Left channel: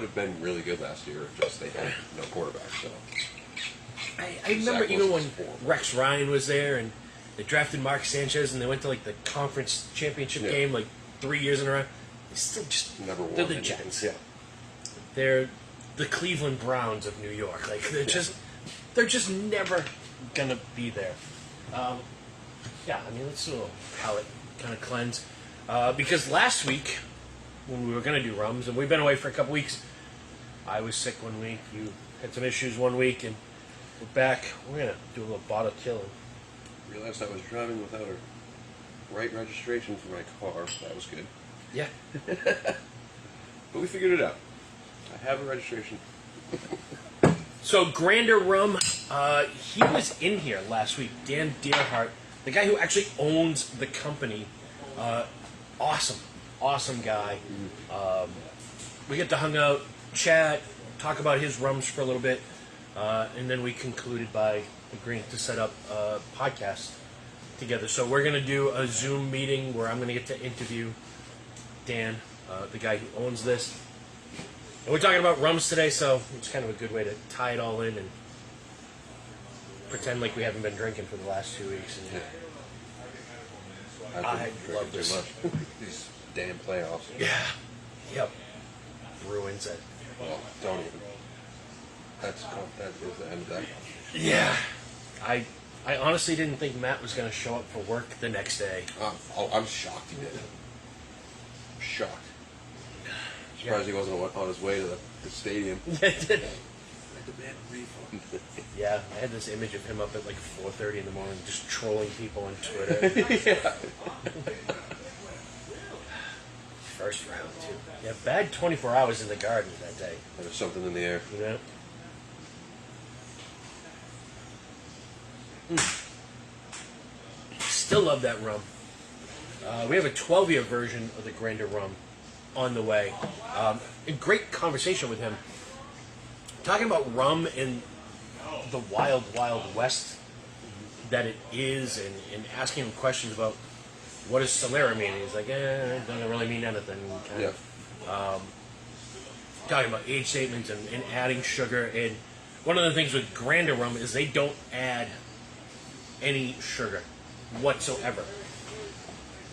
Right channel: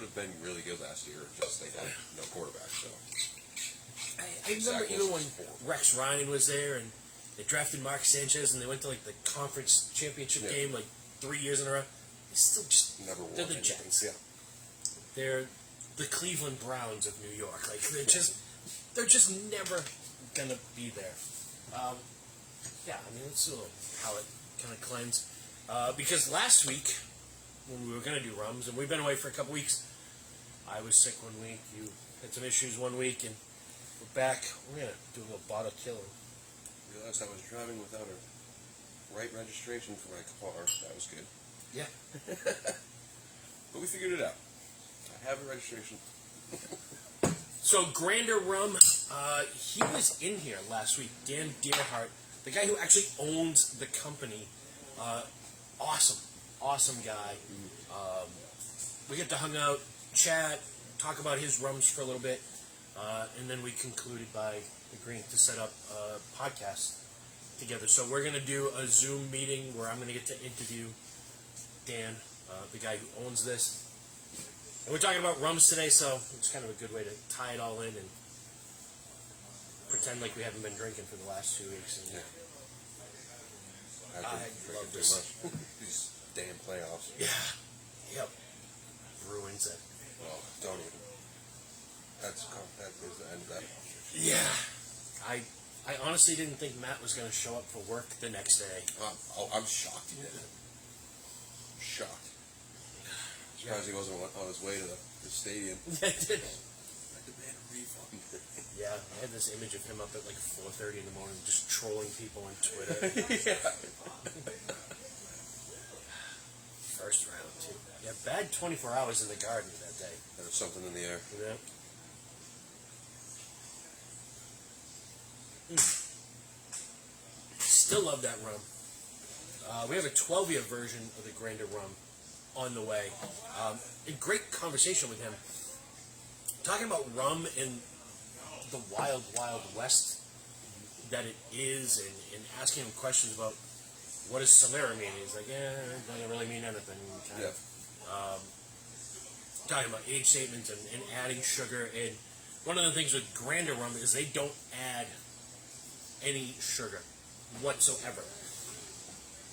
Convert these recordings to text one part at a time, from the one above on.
would have been really good last year. Just they had no quarterback. So I remember even when Rex Ryan was there and they drafted Mark Sanchez and they went to like the conference championship game like 3 years in a row. They still just never won. They're the Jets. Yeah. They're the Cleveland Browns of New York. Like they're just never gonna be there. Yeah, I mean let's do a little palate kind of cleanse because last week when we were gonna do Rums and we've been away for a couple weeks. I was sick 1 week. You had some issues 1 week, and we're back. We're gonna do a little bottle killing. Realized I was driving without a right registration for my car. That was good. Yeah. But we figured it out. I have a registration. So Grander Rum, he was in here last week. Dan Deerhart, the guy who actually owns the company. Awesome guy. We get to hang out, chat, talk about his rums for a little bit, and then we concluded by agreeing to set up a podcast together. So we're going to do a Zoom meeting where I'm going to get to interview Dan, the guy who owns this. And we're talking about rums today, so it's kind of a good way to tie it all in and pretend like we haven't been drinking for the last 2 weeks. Yeah. I love this. These damn playoffs. Yeah. Yep. Bruins it. Oh, don't even. That is the end of that. Yeah. I honestly didn't think Matt was going to show up for work the next day. I'm shocked he did. I'm shocked. Surprised he wasn't on his way to the stadium. I had to demand a refund. Yeah, I had this image of him up at like 4:30 in the morning just trolling people on Twitter. Yeah. First round, too. Yeah, bad 24 hours in the garden that day. There was something in the air. Yeah. Still love that rum. We have a 12-year version of the Grander Rum on the way. A great conversation with him. Talking about rum in the wild, wild west that it is and asking him questions about what does Solera mean? And he's like, it doesn't really mean anything. Kind of. Talking about age statements and adding sugar. And one of the things with Grander Rum is they don't add any sugar whatsoever.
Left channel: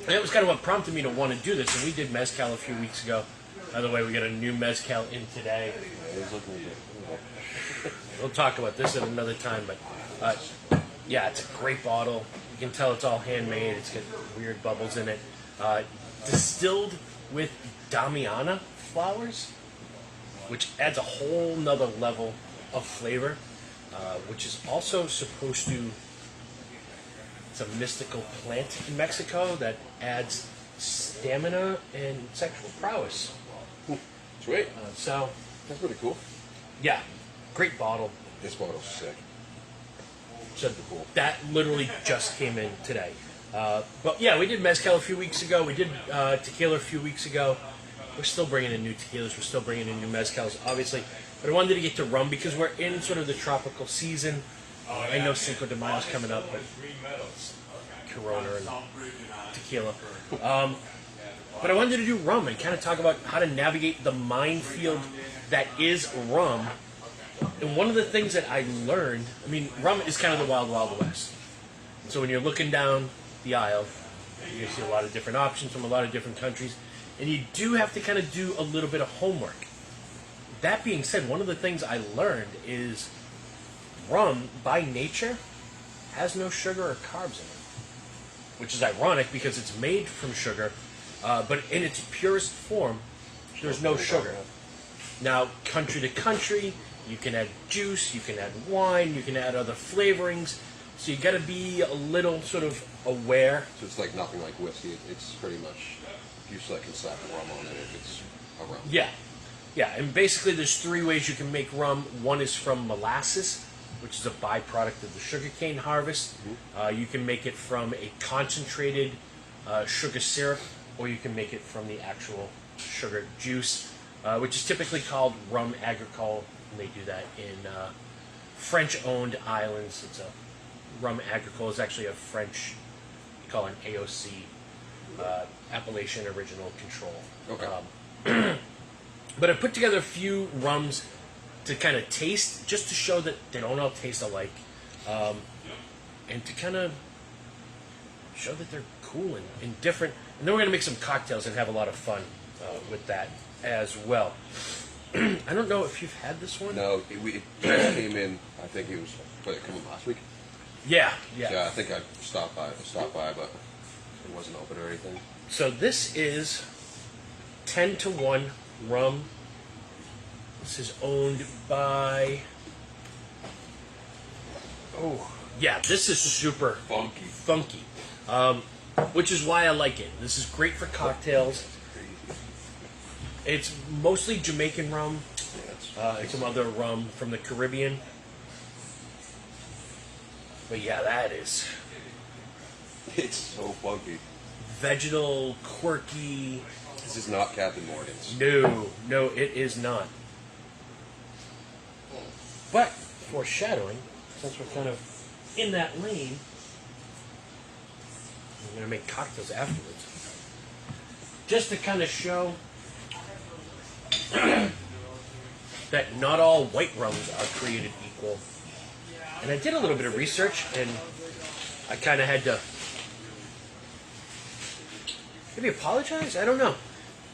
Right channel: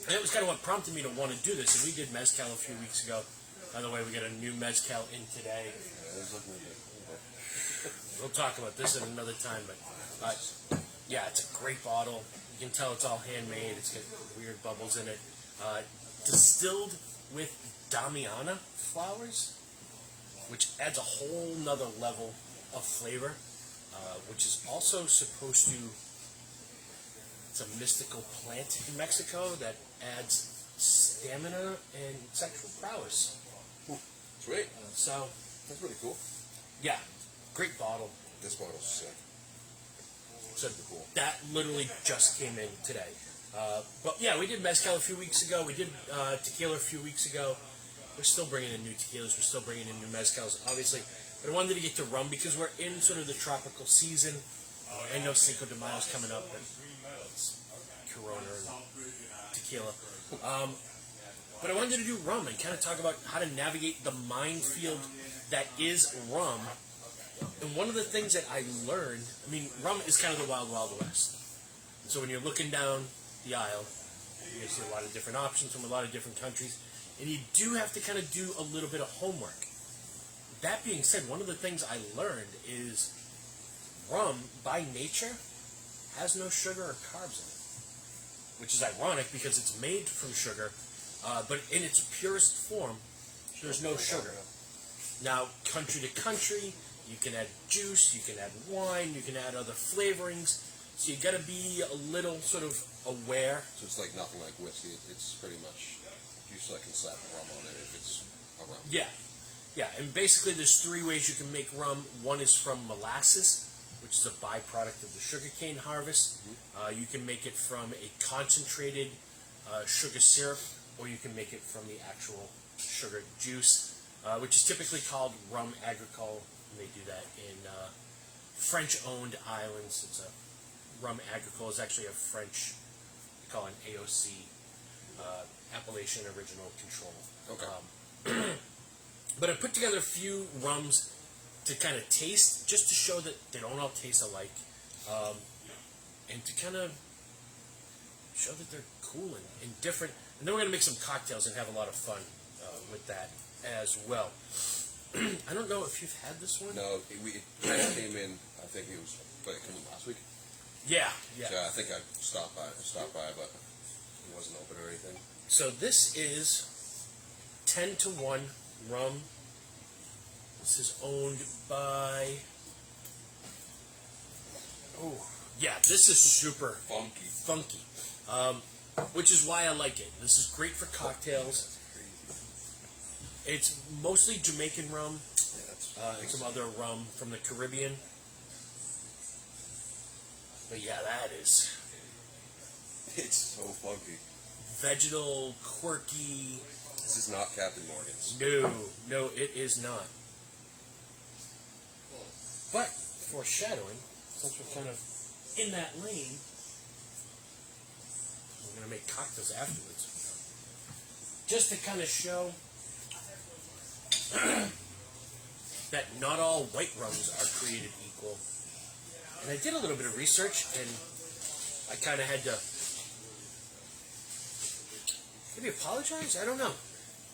And that was kind of what prompted me to want to do this. And we did Mezcal a few weeks ago. By the way, we got a new Mezcal in today. We'll talk about this at another time. But yeah, it's a great bottle. You can tell it's all handmade. It's got weird bubbles in it. Distilled with Damiana flowers, which adds a whole nother level of flavor, which is also supposed to... It's a mystical plant in Mexico that adds stamina and sexual prowess. Sweet. So that's pretty cool. Yeah, great bottle. This bottle's sick. So cool. That literally just came in today. But yeah, we did Mezcal a few weeks ago. We did Tequila a few weeks ago. We're still bringing in new Tequilas. We're still bringing in new Mezcals, obviously. But I wanted to get to rum because we're in sort of the tropical season. I know Cinco de Mayo's coming up, but it's Corona and Tequila. But I wanted to do rum and kind of talk about how to navigate the minefield that is rum. And one of the things that I learned, I mean, rum is kind of the wild, wild west. So when you're looking down the aisle, you see a lot of different options from a lot of different countries. And you do have to kind of do a little bit of homework. That being said, one of the things I learned is rum, by nature, has no sugar or carbs in it. Which is ironic because it's made from sugar, but in its purest form, there's no sugar. Now, country to country, you can add juice, you can add wine, you can add other flavorings. So you got to be a little sort of aware. So it's like nothing like whiskey. It's pretty much you still can slap rum on it if it's a rum. Yeah, and basically there's three ways you can make rum. One is from molasses, which is a byproduct of the sugarcane harvest. You can make it from a concentrated sugar syrup, or you can make it from the actual sugar juice, which is typically called rum agricole, and they do that in French-owned islands. It's a rum agricole is actually a French, you call it an AOC, Appellation Original Control. Okay. But I put together a few rums to kind of taste, just to show that they don't all taste alike, and to kind of show that they're cool and different. And then we're going to make some cocktails and have a lot of fun with that as well. I don't know if you've had this one. No, it came in. I think it was coming last week. Yeah. Yeah, I think I stopped by, but it wasn't open or anything. So this is 10-1 rum. This is owned by. Oh, yeah, this is super funky. Which is why I like it. This is great for cocktails. It's mostly Jamaican rum, and some other rum from the Caribbean. But yeah, that is. It's so funky. Vegetal, quirky. This is not Captain Morgan's. No, it is not. But foreshadowing, since we're kind of in that lane, we're gonna make cocktails afterwards, just to kind of show that not all white rums are created equal. And I did a little bit of research, and I kind of had to maybe apologize. I don't know.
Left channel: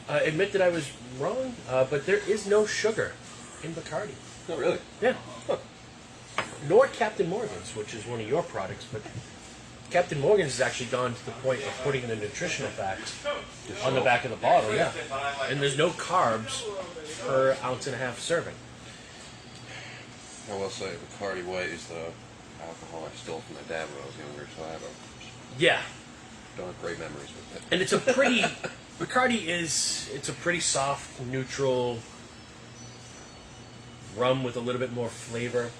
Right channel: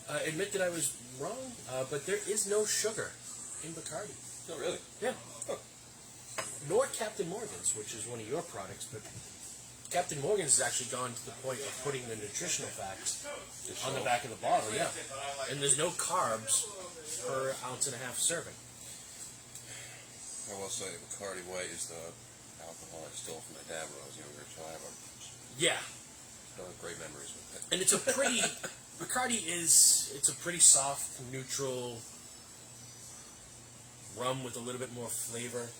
Admit that I was wrong, but there is no sugar in Bacardi. No, really? Yeah. Huh. Nor Captain Morgan's, which is one of your products, but Captain Morgan's has actually gone to the point of putting in the nutritional facts on the back of the bottle, yeah. And there's no carbs per ounce and a half serving. I will say, Bacardi White is the alcohol I stole from my dad when I was younger, so I don't have great memories with it. And it's a pretty, Bacardi it's a pretty soft, neutral rum with a little bit more flavor.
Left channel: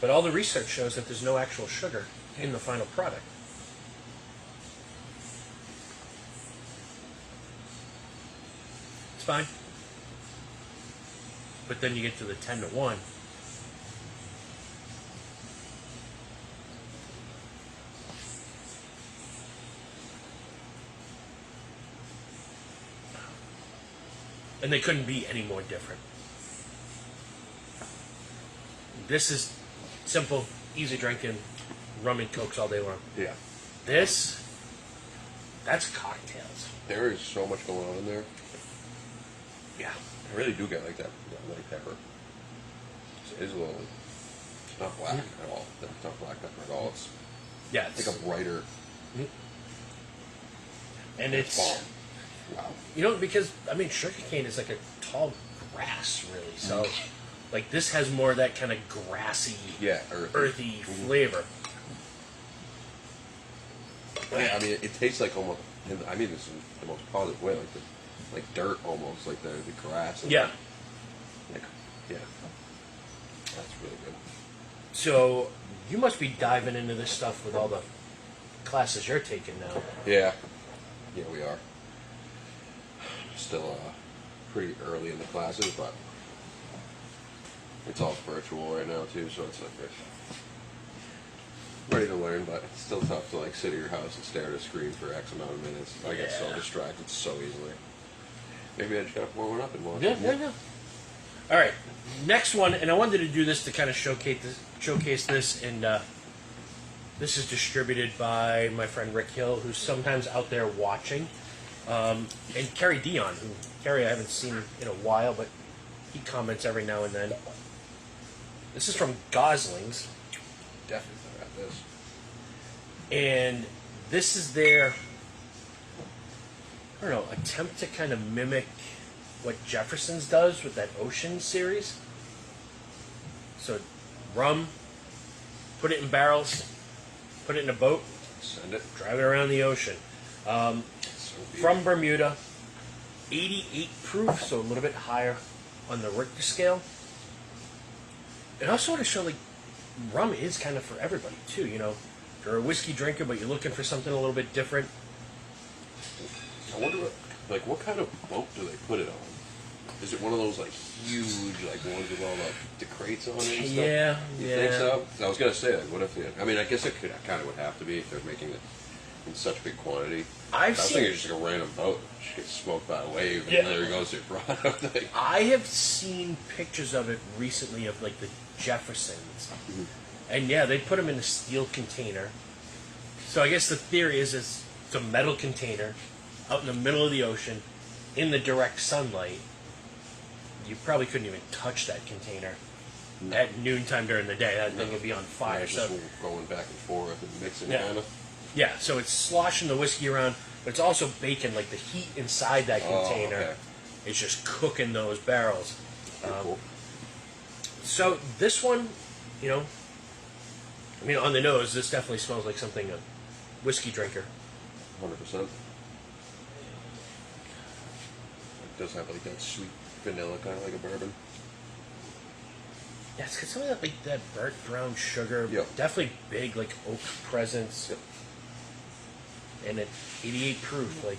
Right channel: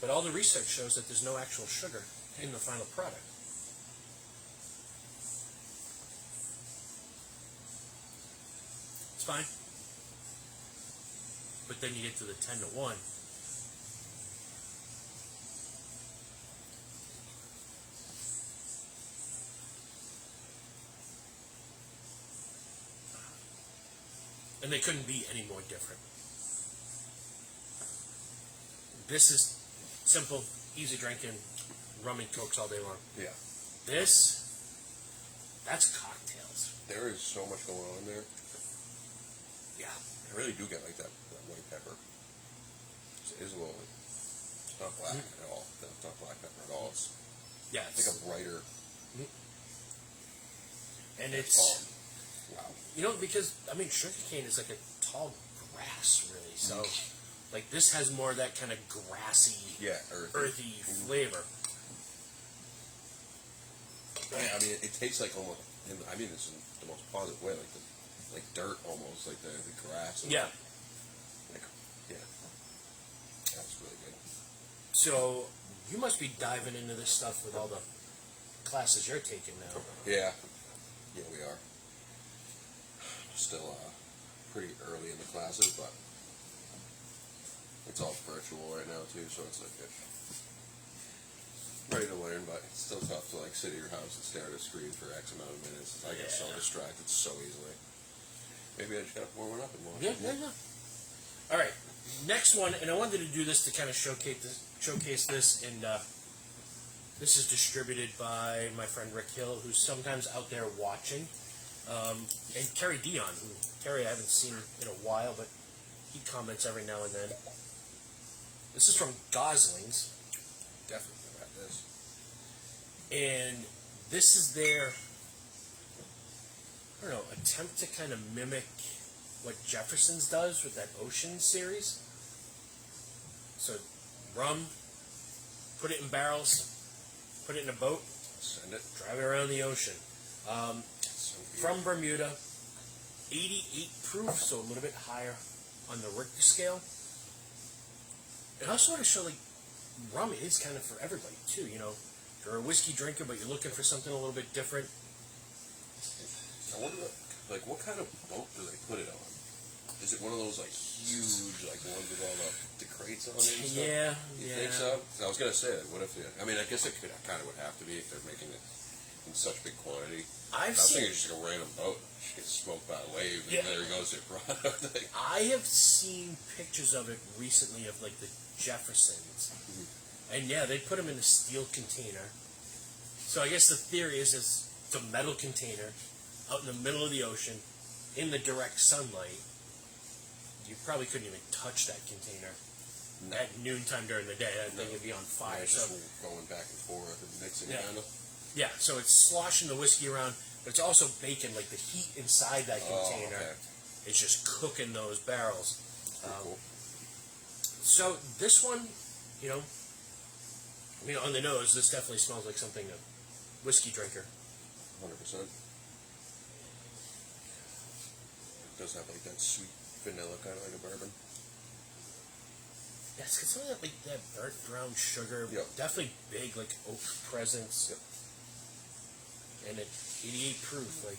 But all the research shows that there's no actual sugar in the final product. It's fine. But then you get to the 10-1. And they couldn't be any more different. This is simple, easy drinking, rum and cokes all day long. Yeah. This, that's cocktails. There is so much going on in there. Yeah. I really do get like that white pepper. It is a little. It's not black at all. It's not black pepper at all. It's like a brighter. And it's bomb. Wow. Because sugarcane is like a tall grass, really. So, like this has more of that kind of grassy, earthy flavor. Yeah, it tastes like almost. This is the most positive way, like dirt almost, like the grass. Yeah. That's really good. So you must be diving into this stuff with all the classes you're taking now. Yeah, we are. Still pretty early in the classes, but it's all virtual right now too, so it's like ready to learn, but it's still tough to like sit at your house and stare at a screen for X amount of minutes. I get so distracted so easily. Maybe I just gotta pour one up and watch it. Yeah. All right, next one, and I wanted to do this to kind of showcase this, and this is distributed by my friend Rick Hill, who's sometimes out there watching, and Kerry Dion, who Kerry I haven't seen in a while, but he comments every now and then. This is from Gosling's. Definitely got this. And this is their, attempt to kind of mimic what Jefferson's does with that Ocean series. So, rum, put it in barrels, put it in a boat, send it, drive it around the ocean. From Bermuda, 88 proof, so a little bit higher on the Richter scale. And I also want to show, rum is kind of for everybody, too, If you're a whiskey drinker, but you're looking for something a little bit different. I wonder, what kind of boat do they put it on? Is it one of those, huge, ones with all the crates on it and stuff? Yeah, You think so? 'Cause I was going to say, what if I guess it kind of would have to be if they're making it, in such big quantity. I was thinking it's just like a random boat. Just gets smoked by a wave, and there goes your product. I have seen pictures of it recently of like the Jeffersons, and yeah, they put them in a steel container. So I guess the theory is it's a metal container out in the middle of the ocean in the direct sunlight. You probably couldn't even touch that container at noontime during the day. That thing would be on fire. Yeah, so just going back and forth and mixing Yeah. kind of. yeah, so it's sloshing the whiskey around, but it's also baking like the heat inside that container. Okay. It's just cooking those barrels. Cool. So this one, you know, I mean, on the nose, this definitely smells like something a whiskey drinker. 100%. It does have like that sweet vanilla, kind of like a bourbon. Yeah, it's got some of that like that burnt brown sugar. Yep. Definitely big like oak presence. Yep. And at 88 proof, like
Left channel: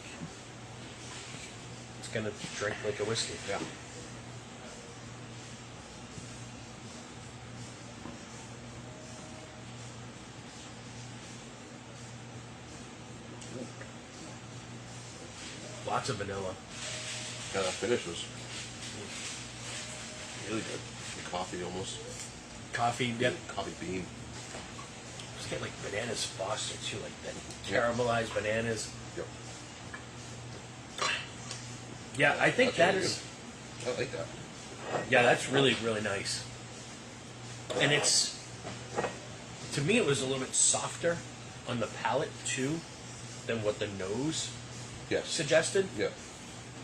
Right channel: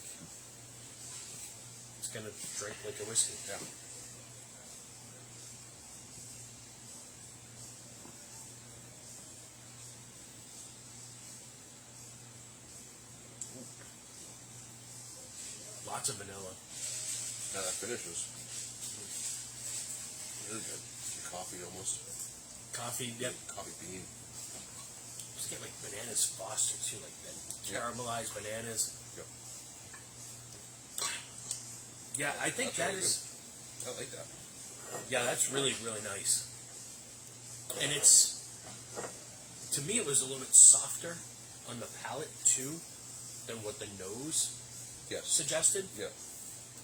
it's gonna drink like a whiskey. Yeah. Lots of vanilla. Yeah, that finish was really good. The coffee almost. Coffee, yep. Coffee bean. Just get like bananas Foster too, like that Yep. caramelized bananas. Yep. Yeah, I think That's that really is. good. I like that. Yeah, that's really, really nice. And it's, to me, it was a little bit softer on the palate too than what the nose Yes. suggested. Yeah.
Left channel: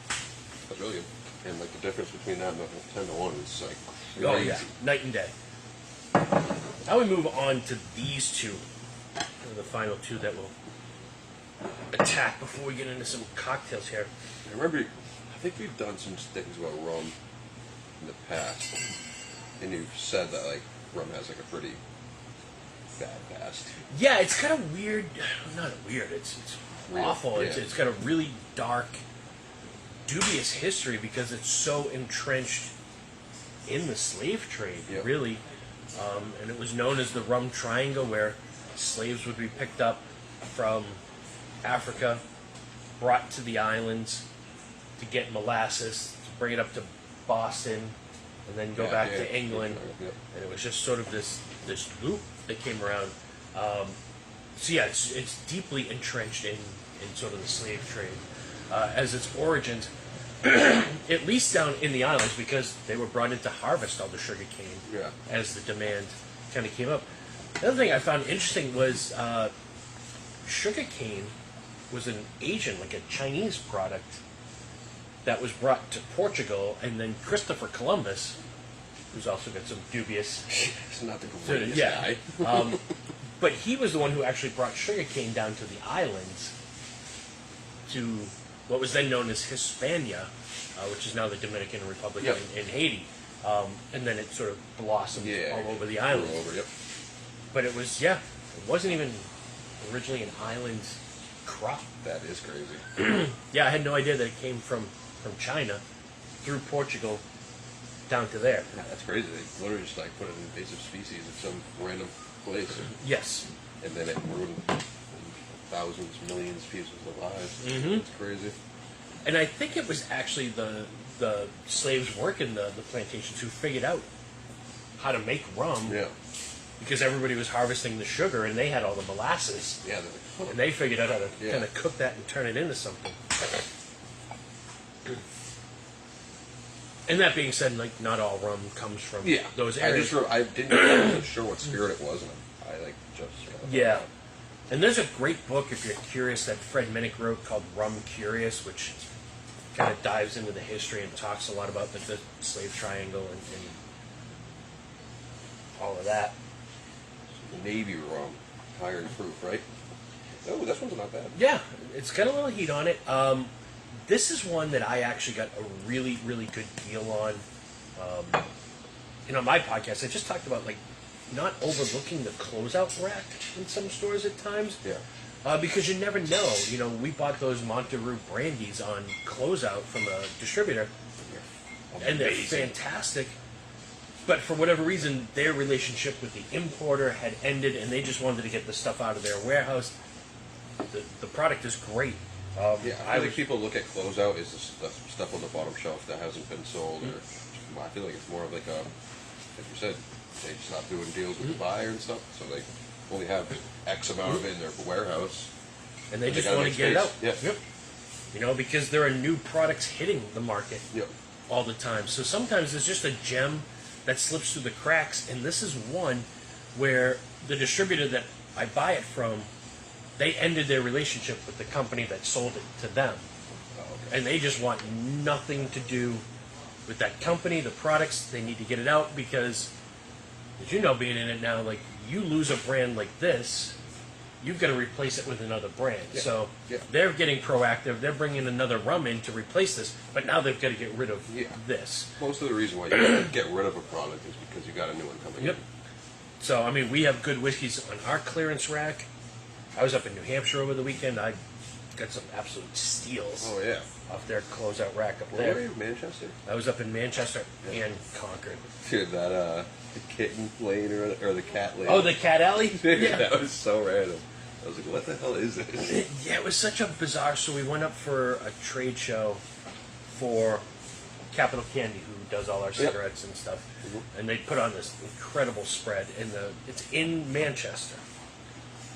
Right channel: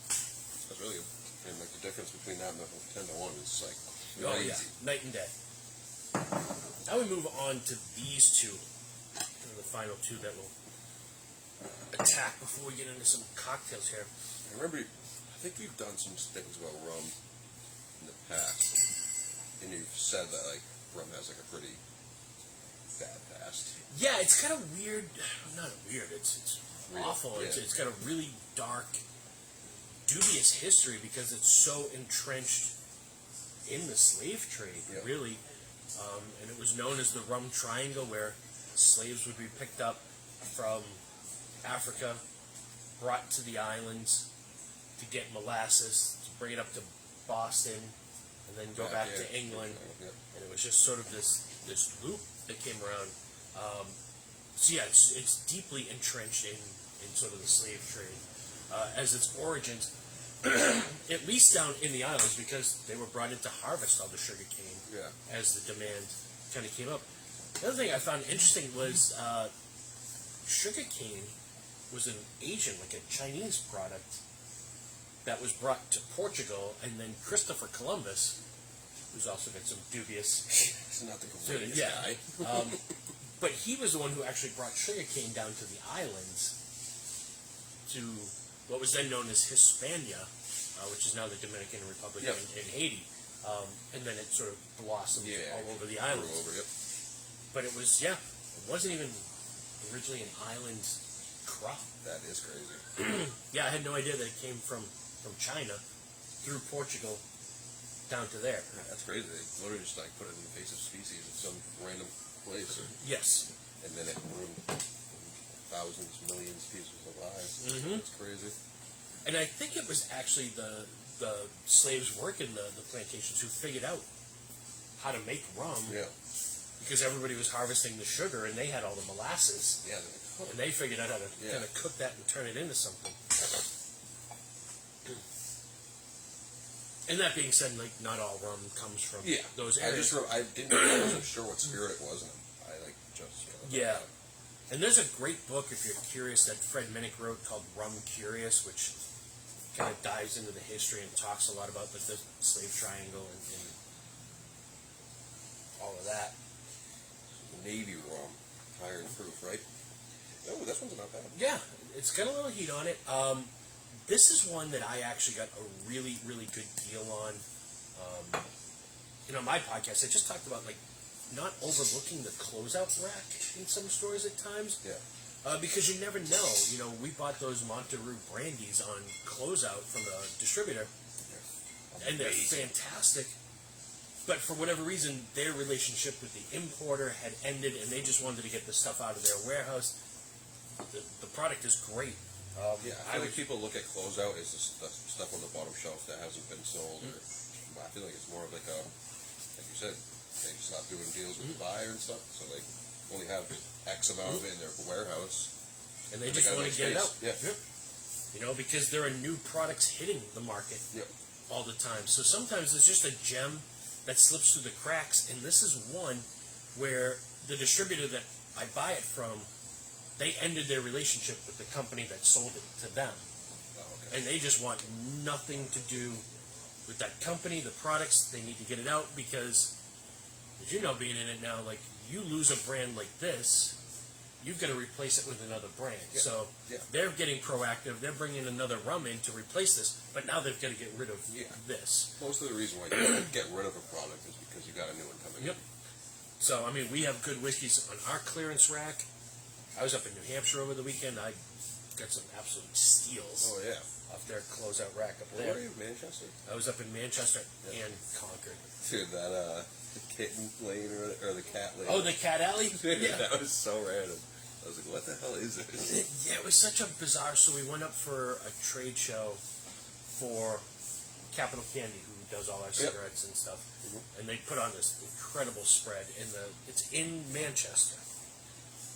That's really good. And like the difference between that and the 10-1 is like crazy. Oh yeah, night and day. Now we move on to these two. They're the final two that we'll attack before we get into some cocktails here. I remember, I think we've done some things about rum in the past, and you've said that like rum has like a pretty bad past. Yeah, it's kind of weird. Not weird. It's Weird, awful. yeah. It's got a really dark, dubious history because it's so entrenched in the slave trade. Yep. Really, and it was known as the Rum Triangle, where slaves would be picked up from Africa, brought to the islands to get molasses, to bring it up to Boston, and then go Yeah, back yeah, to England. yeah. And it was just sort of this loop that came around. So yeah, it's deeply entrenched in sort of the slave trade as its origins, at least down in the islands, because they were brought in to harvest all the sugar cane Yeah. as the demand kind of came up. The other thing I found interesting was sugar cane was an Asian, like a Chinese product that was brought to Portugal, and then Christopher Columbus, who's also got some dubious It's not the greatest yeah. guy. But he was the one who actually brought sugarcane down to the islands, to what was then known as Hispania, which is now the Dominican Republic Yep. in Haiti. And then it sort of blossomed Yeah. all over the islands. All over, yep. But it was, it wasn't even originally an island crop. That is crazy. Yeah, I had no idea that it came from China through Portugal down to there. Yeah, that's crazy. They literally just like put an invasive species in some random place, Yes. and then it ruined thousands, millions of pieces of lives. Mhm. It's crazy. And I think it was actually the slaves working the plantations who figured out how to make rum, Yeah. because everybody was harvesting the sugar and they had all the molasses, Yeah. and they figured out how to Yeah. kind of cook that and turn it into something. And that being said, like, not all rum comes from those areas. I wasn't sure what spirit it was, and I like just. Yeah. And there's a great book, if you're curious, that Fred Minnick wrote called Rum Curious, which kind of dives into the history and talks a lot about the slave triangle and all of that. Navy rum, higher in proof, right? Oh, this one's not bad. Yeah, it's got a little heat on it. This is one that I actually got a really, really good deal on. My podcast, I just talked about, like, not overlooking the closeout rack in some stores at times. Yeah. Because you never know. We bought those Monterey brandies on closeout from a distributor, and they're fantastic. But for whatever reason, their relationship with the importer had ended, and they just wanted to get the stuff out of their warehouse. The product is great. Yeah, I think people look at closeout as the stuff on the bottom shelf that hasn't been sold, or I feel like it's more of like a, like you said, they stop doing deals with the buyer and stuff, so they only have X amount of it in their warehouse, and they just gotta want make to get it out. space. Yeah. Yep. You know, because there are new products hitting the market Yep. all the time. So sometimes it's just a gem that slips through the cracks, and this is one where the distributor that I buy it from, they ended their relationship with the company that sold it to them. Oh, okay. And they just want nothing to do with that company, the products. They need to get it out because, as you know, being in it now, like, you lose a brand like this, you've got to replace it with another brand. Yeah. So Yeah. they're getting proactive. They're bringing another rum in to replace this, but now they've got to get rid of this. Most of the reason why you have to get rid of a product is because you got a new one coming Yep. So, I mean, we have good whiskeys on our clearance rack. I was up in New Hampshire over the weekend. I got some absolute steals in. Oh, yeah. off their closeout rack up Where were there. you? Manchester? I was up in Manchester and Concord. Dude, that, the kitten lane or the cat lane. Oh, the Cat Alley? Yeah. That was so random. I was like, what the hell is this? Yeah, it was such a bizarre. So we went up for a trade show for Capital Candy, who does all our cigarettes and stuff, and they put on this incredible spread. It's in Manchester.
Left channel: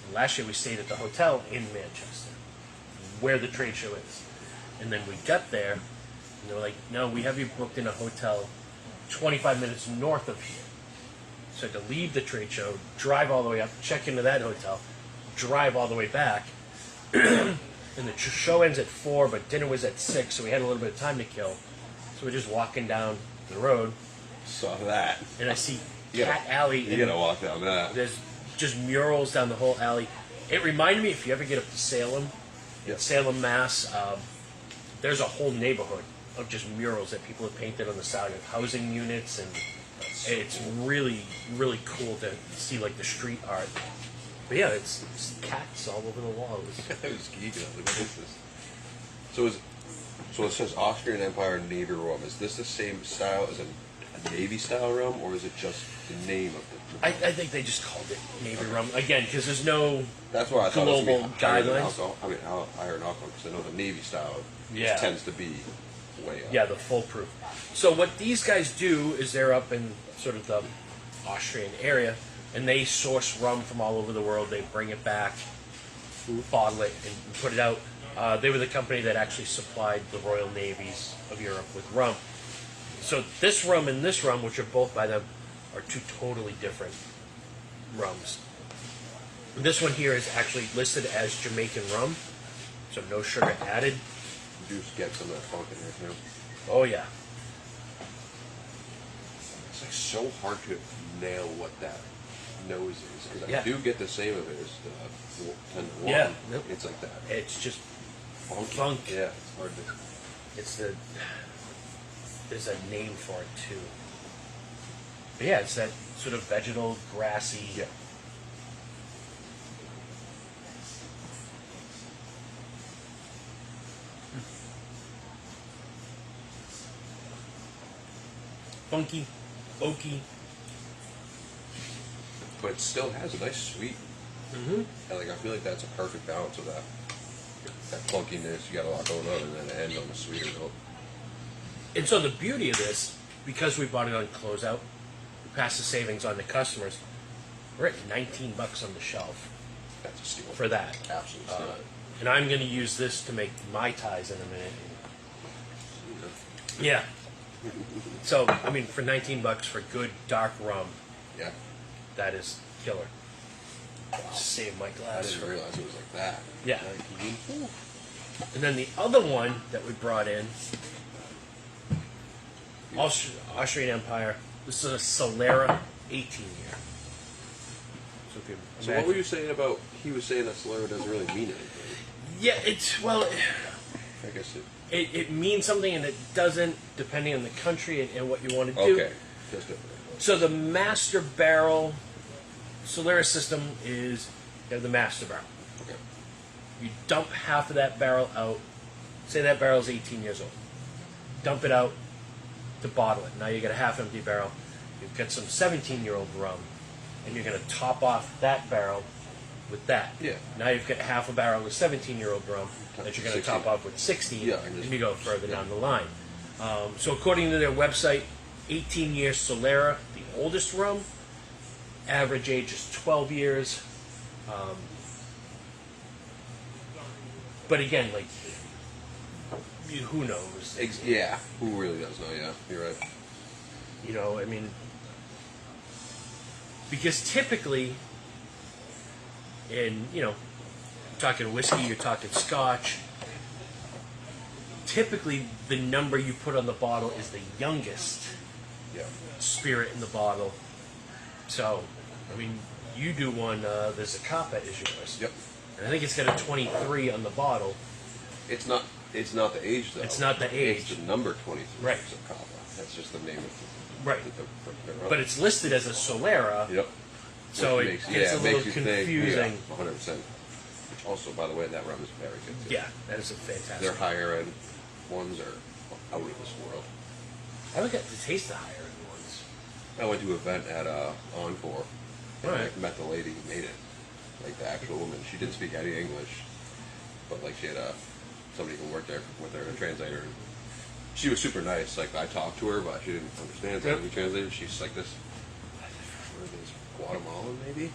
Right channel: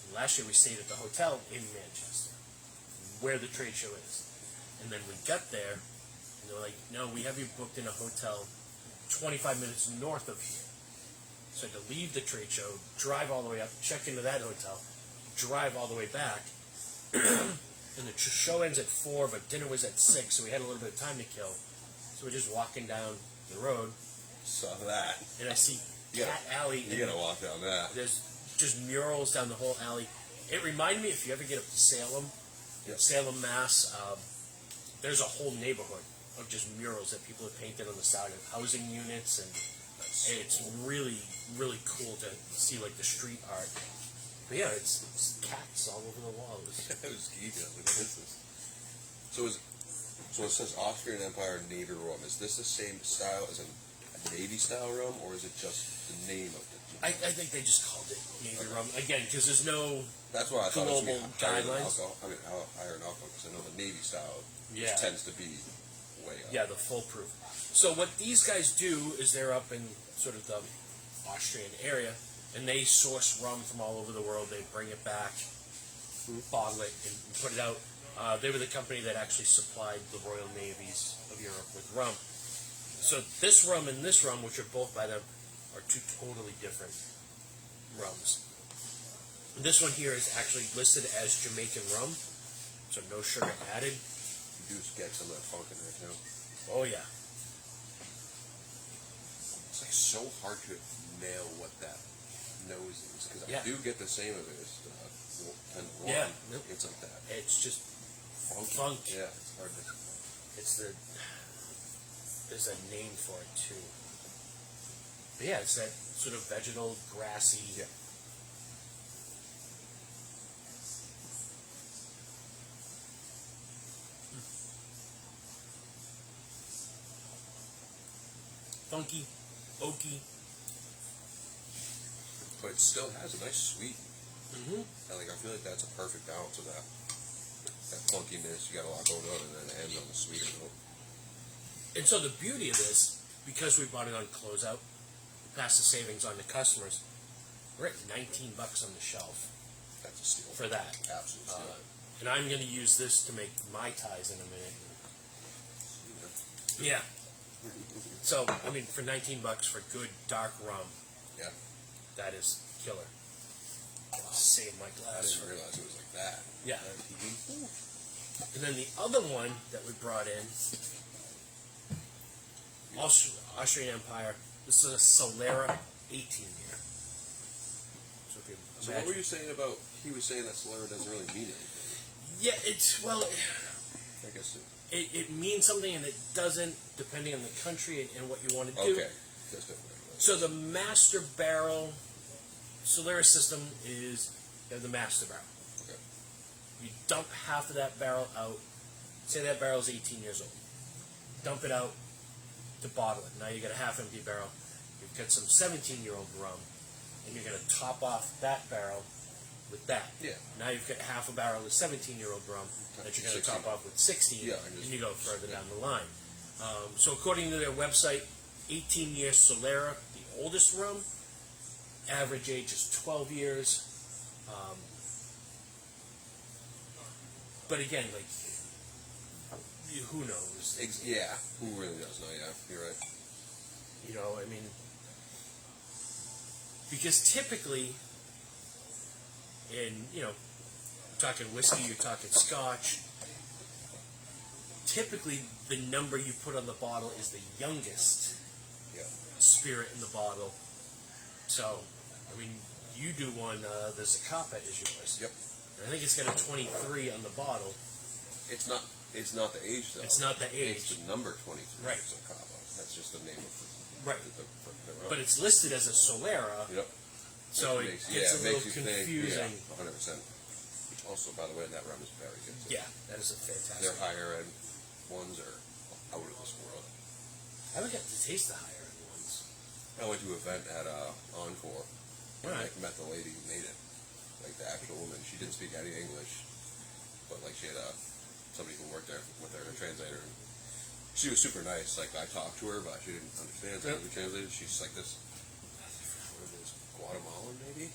And last year we stayed at the hotel in Manchester, where the trade show is, and then we got there, and they were like, "No, we have you booked in a hotel 25 minutes north of here." So I had to leave the trade show, drive all the way up, check into that hotel, drive all the way back, and the show ends at 4, but dinner was at 6, so we had a little bit of time to kill. So we're just walking down the road, Saw that. and I see You Cat gotta- Alley. You gotta walk down that. There's just murals down the whole alley. It reminded me, if you ever get up to Salem, Yeah. Salem, Mass, there's a whole neighborhood of just murals that people have painted on the side of housing units, and it's really, really cool to see, like, the street art. But yeah, it's cats all over the wall. It was, I was geeking. I was like, what is this? So it says Austrian Empire Navy rum. Is this the same style as a Navy style rum, or is it just the name of the? I think they just called it Navy rum again because there's no. That's why I thought it was global higher than guidelines. alcohol. I mean, higher in alcohol because I know the Navy style Yeah. tends to be way up. Yeah, the foolproof. So what these guys do is they're up in sort of the Austrian area, and they source rum from all over the world. They bring it back, bottle it, and put it out. They were the company that actually supplied the Royal Navies of Europe with rum. So this rum and this rum, which are both by them, are two totally different rums. This one here is actually listed as Jamaican rum, so no sugar added. You do get some of that funk in there too. Oh yeah. It's like so hard to nail what that nose is because Yeah. I do get the same of it as the Yeah. one. Nope. It's like that It's just funky. funk. Yeah, it's hard to. It's the there's a name for it too. But yeah, it's that sort of vegetal, grassy. Yeah. Funky, oaky. But it still has a nice sweet. Mm-hmm. And like I feel like that's a perfect balance of that funkiness. You got a lot going on, and then it ends on the sweeter note. And so the beauty of this, because we bought it on closeout, we passed the savings on to customers. We're at $19 on the shelf That's a steal for that. Absolute steal. And I'm going to use this to make Mai Tais in a minute. Yeah. So, I mean, for $19 for good dark rum, Yeah. that is killer. Save my I glass. didn't realize it was like that. Yeah. 19. And then the other one that we brought in, Austrian Empire. This is a Solera 18-year. So, you could So what were you saying about? He was saying that Solera doesn't really mean anything. Yeah, it's well. I guess it. It means something, and it doesn't, depending on the country and what you want to do. Okay. Just different. So the master barrel Solera system is you have the master barrel. Okay. You dump half of that barrel out. Say that barrel's 18 years old. Dump it out to bottle it. Now you got a half empty barrel. You've got some 17-year-old rum, and you're going to top off that barrel with that. Yeah. Now you've got half a barrel of 17-year-old rum that you're going to 16. top off with 16, Yeah, and just- you go further down the line. So according to their website, 18-year Solera, the oldest rum, average age is 12 years. But again, like, who knows? Yeah, who really does know? Yeah, you're right. You know, I mean, because typically, you're talking whiskey, you're talking scotch, typically the number you put on the bottle is the youngest Yeah. spirit in the bottle. So, I mean, you do one, the Zacapa is yours. Yep. And I think it's got a 23 on the bottle. It's not the age though. It's not the age. It's the number 23. Right. It's a copper. That's just the name of Right. the But it's listed as a Solera, Yep. so Which it makes- gets a it little makes you think, confusing. yeah, 100%. Also, by the way, that rum is very good too. Yeah, that is a fantastic. Their higher end ones are out of this world. I would get to taste the higher end ones. I went to an event at Encore. And Right. I met the lady who made it. Like the actual woman. She didn't speak any English. But like she had somebody who worked there with her, a translator. And she was super nice. Like I talked to her, but she didn't understand. So Yep. we translated. She's like this. I think it was Guatemalan, maybe.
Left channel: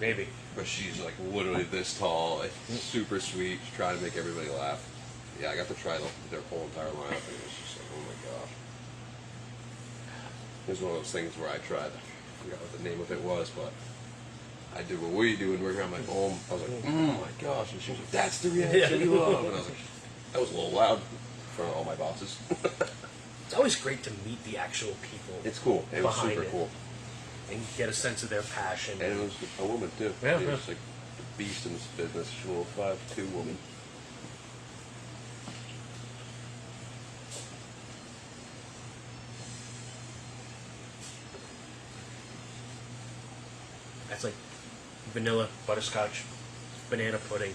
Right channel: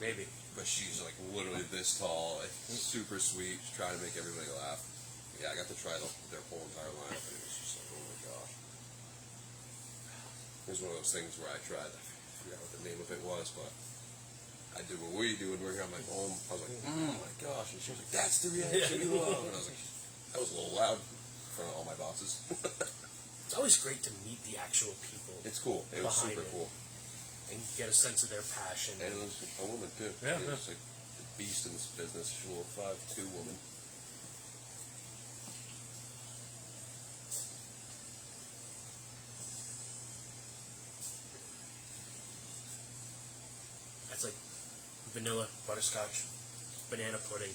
Maybe. But she's like literally this tall, like, super sweet, trying to make everybody laugh. Yeah, I got to try their whole entire lineup, and it was just like, oh my gosh. It was one of those things where I tried. I forgot what the name of it was, but I did what we do, and we're here on my home. I was like, oh my gosh, and she was like, that's the reaction you love. And I was like, that was a little loud for all my bosses. It's always great to meet the actual people. It's cool. It was Behind super it. cool. And get a sense of their passion. And it was a woman too. Yeah, She yeah. was like a beast in this business. She was a 5'2" woman. That's like vanilla, butterscotch, banana pudding.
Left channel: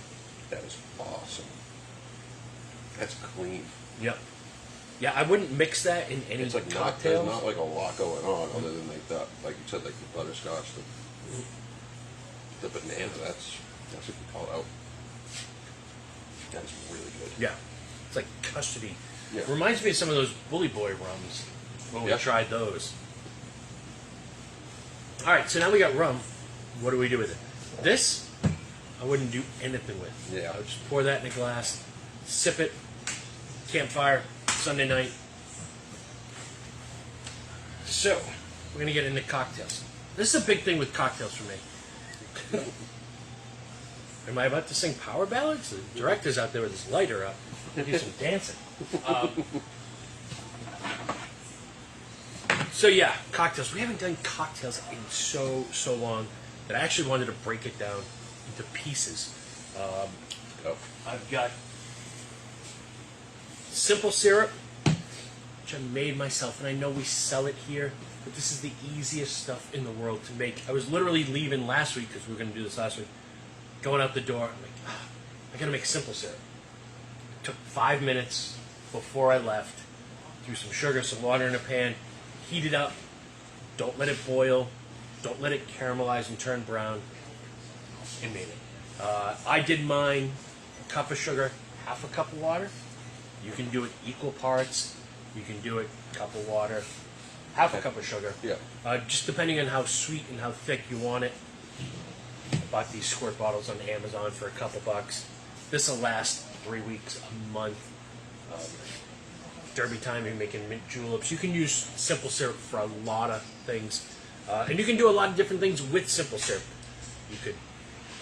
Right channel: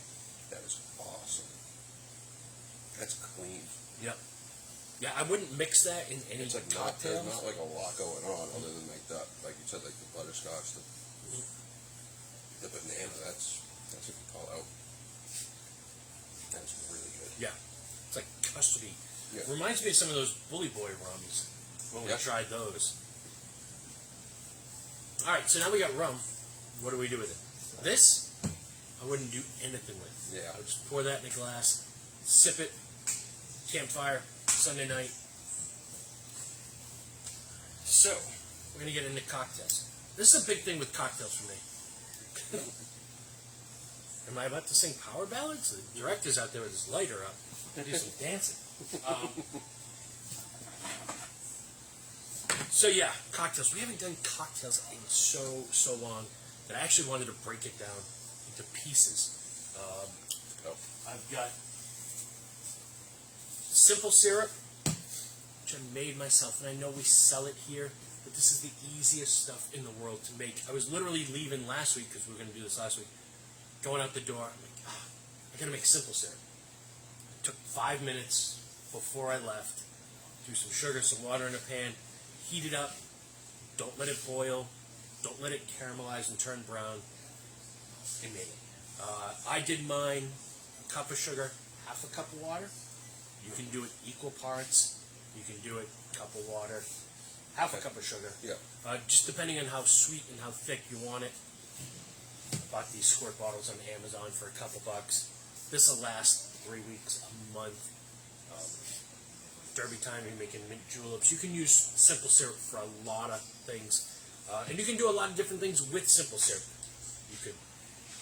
That is awesome. That's clean. Yep. Yeah, I wouldn't mix that in any It's like cocktails. there's not like a lot going on other than like that, like you said, like the butterscotch, the banana. That's what you call it out. That's really good. Yeah. It's like custody. Yeah. Reminds me of some of those Bully Boy rums when we Yeah. tried those. All right, so now we got rum. What do we do with it? This, I wouldn't do anything with. Yeah. I would just pour that in a glass, sip it, campfire, Sunday night. So, we're going to get into cocktails. This is a big thing with cocktails for me. Am I about to sing power ballads? The director's out there with his lighter up. Do some dancing. So yeah, cocktails. We haven't done cocktails in so long that I actually wanted to break it down into pieces. Oh. I've got simple syrup, which I made myself, and I know we sell it here, but this is the easiest stuff in the world to make. I was literally leaving last week, because we were going to do this last week, going out the door, I'm like, I gotta make simple syrup. It took 5 minutes before I left, threw some sugar, some water in a pan, heat it up, don't let it boil, don't let it caramelize and turn brown, and made it. I did mine, a cup of sugar, half a cup of water. You can do it equal parts. You can do it a cup of water, half a cup of sugar. Yeah. Just depending on how sweet and how thick you want it. I bought these squirt bottles on Amazon for a couple bucks. This will last 3 weeks, a month. Derby time, you're making mint juleps. You can use simple syrup for a lot of things. And you can do a lot of different things with simple syrup. You could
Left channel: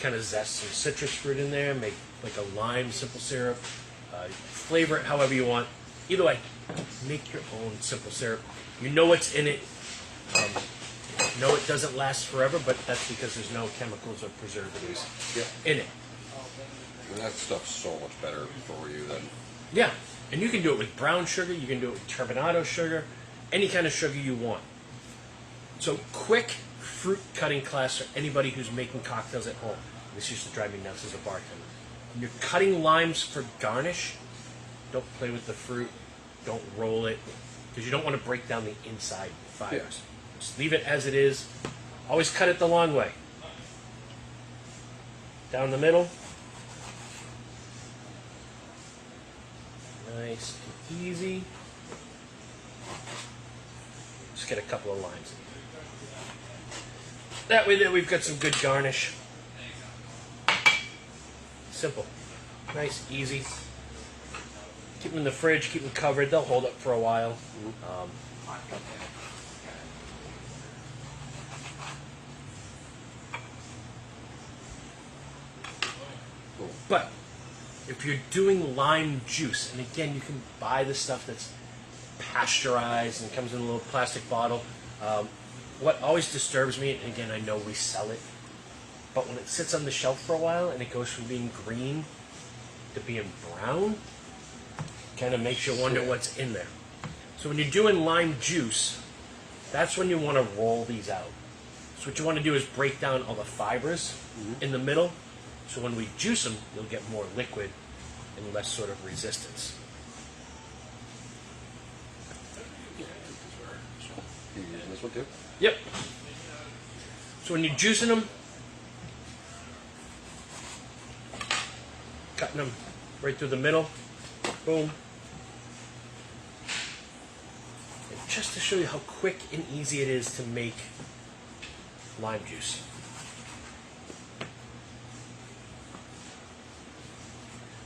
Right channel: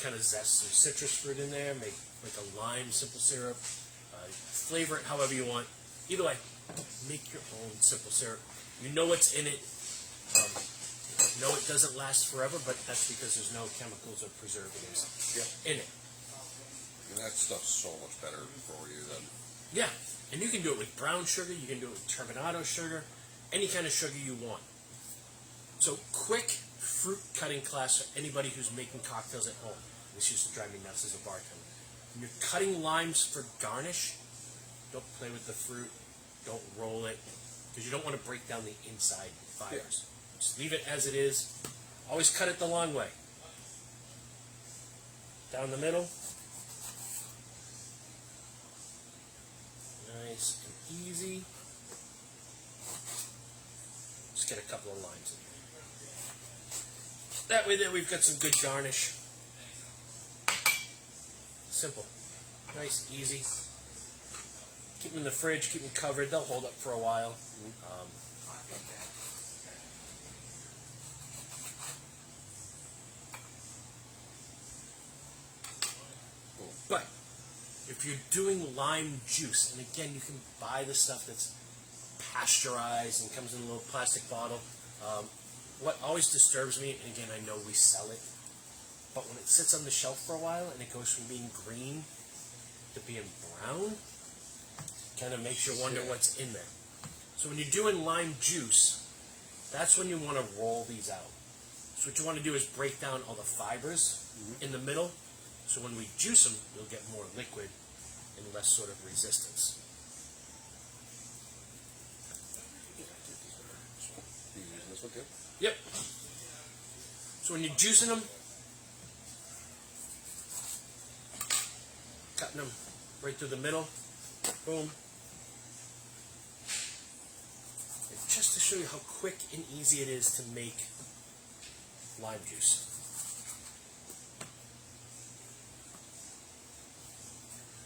kind of zest some citrus fruit in there, make like a lime simple syrup, flavor it however you want. Either way, make your own simple syrup. You know what's in it. No, it doesn't last forever, but that's because there's no chemicals or preservatives in it. And that stuff's so much better for you than. Yeah, and you can do it with brown sugar, you can do it with turbinado sugar, any kind of sugar you want. So, quick fruit cutting class for anybody who's making cocktails at home. This used to drive me nuts as a bartender. When you're cutting limes for garnish, don't play with the fruit, don't roll it, because you don't want to break down the inside fibers. Yeah. Just leave it as it is. Always cut it the long way. down the middle. Nice and easy. Just get a couple of lines. That way, then we've got some good garnish. Simple, nice, easy. Keep them in the fridge. Keep them covered. They'll hold up for a while. But if you're doing lime juice, and again, you can buy the stuff that's pasteurized and comes in a little plastic bottle. What always disturbs me, and again, I know we sell it, but when it sits on the shelf for a while and it goes from being green to being brown, kind of makes you wonder what's in there. So when you're doing lime juice, that's when you want to roll these out. So what you want to do is break down all the fibers in the middle. So when we juice them, you'll get more liquid and less sort of resistance. You using this one too? Yep. So when you're juicing them, cutting them right through the middle, boom. And just to show you how quick and easy it is to make lime juice.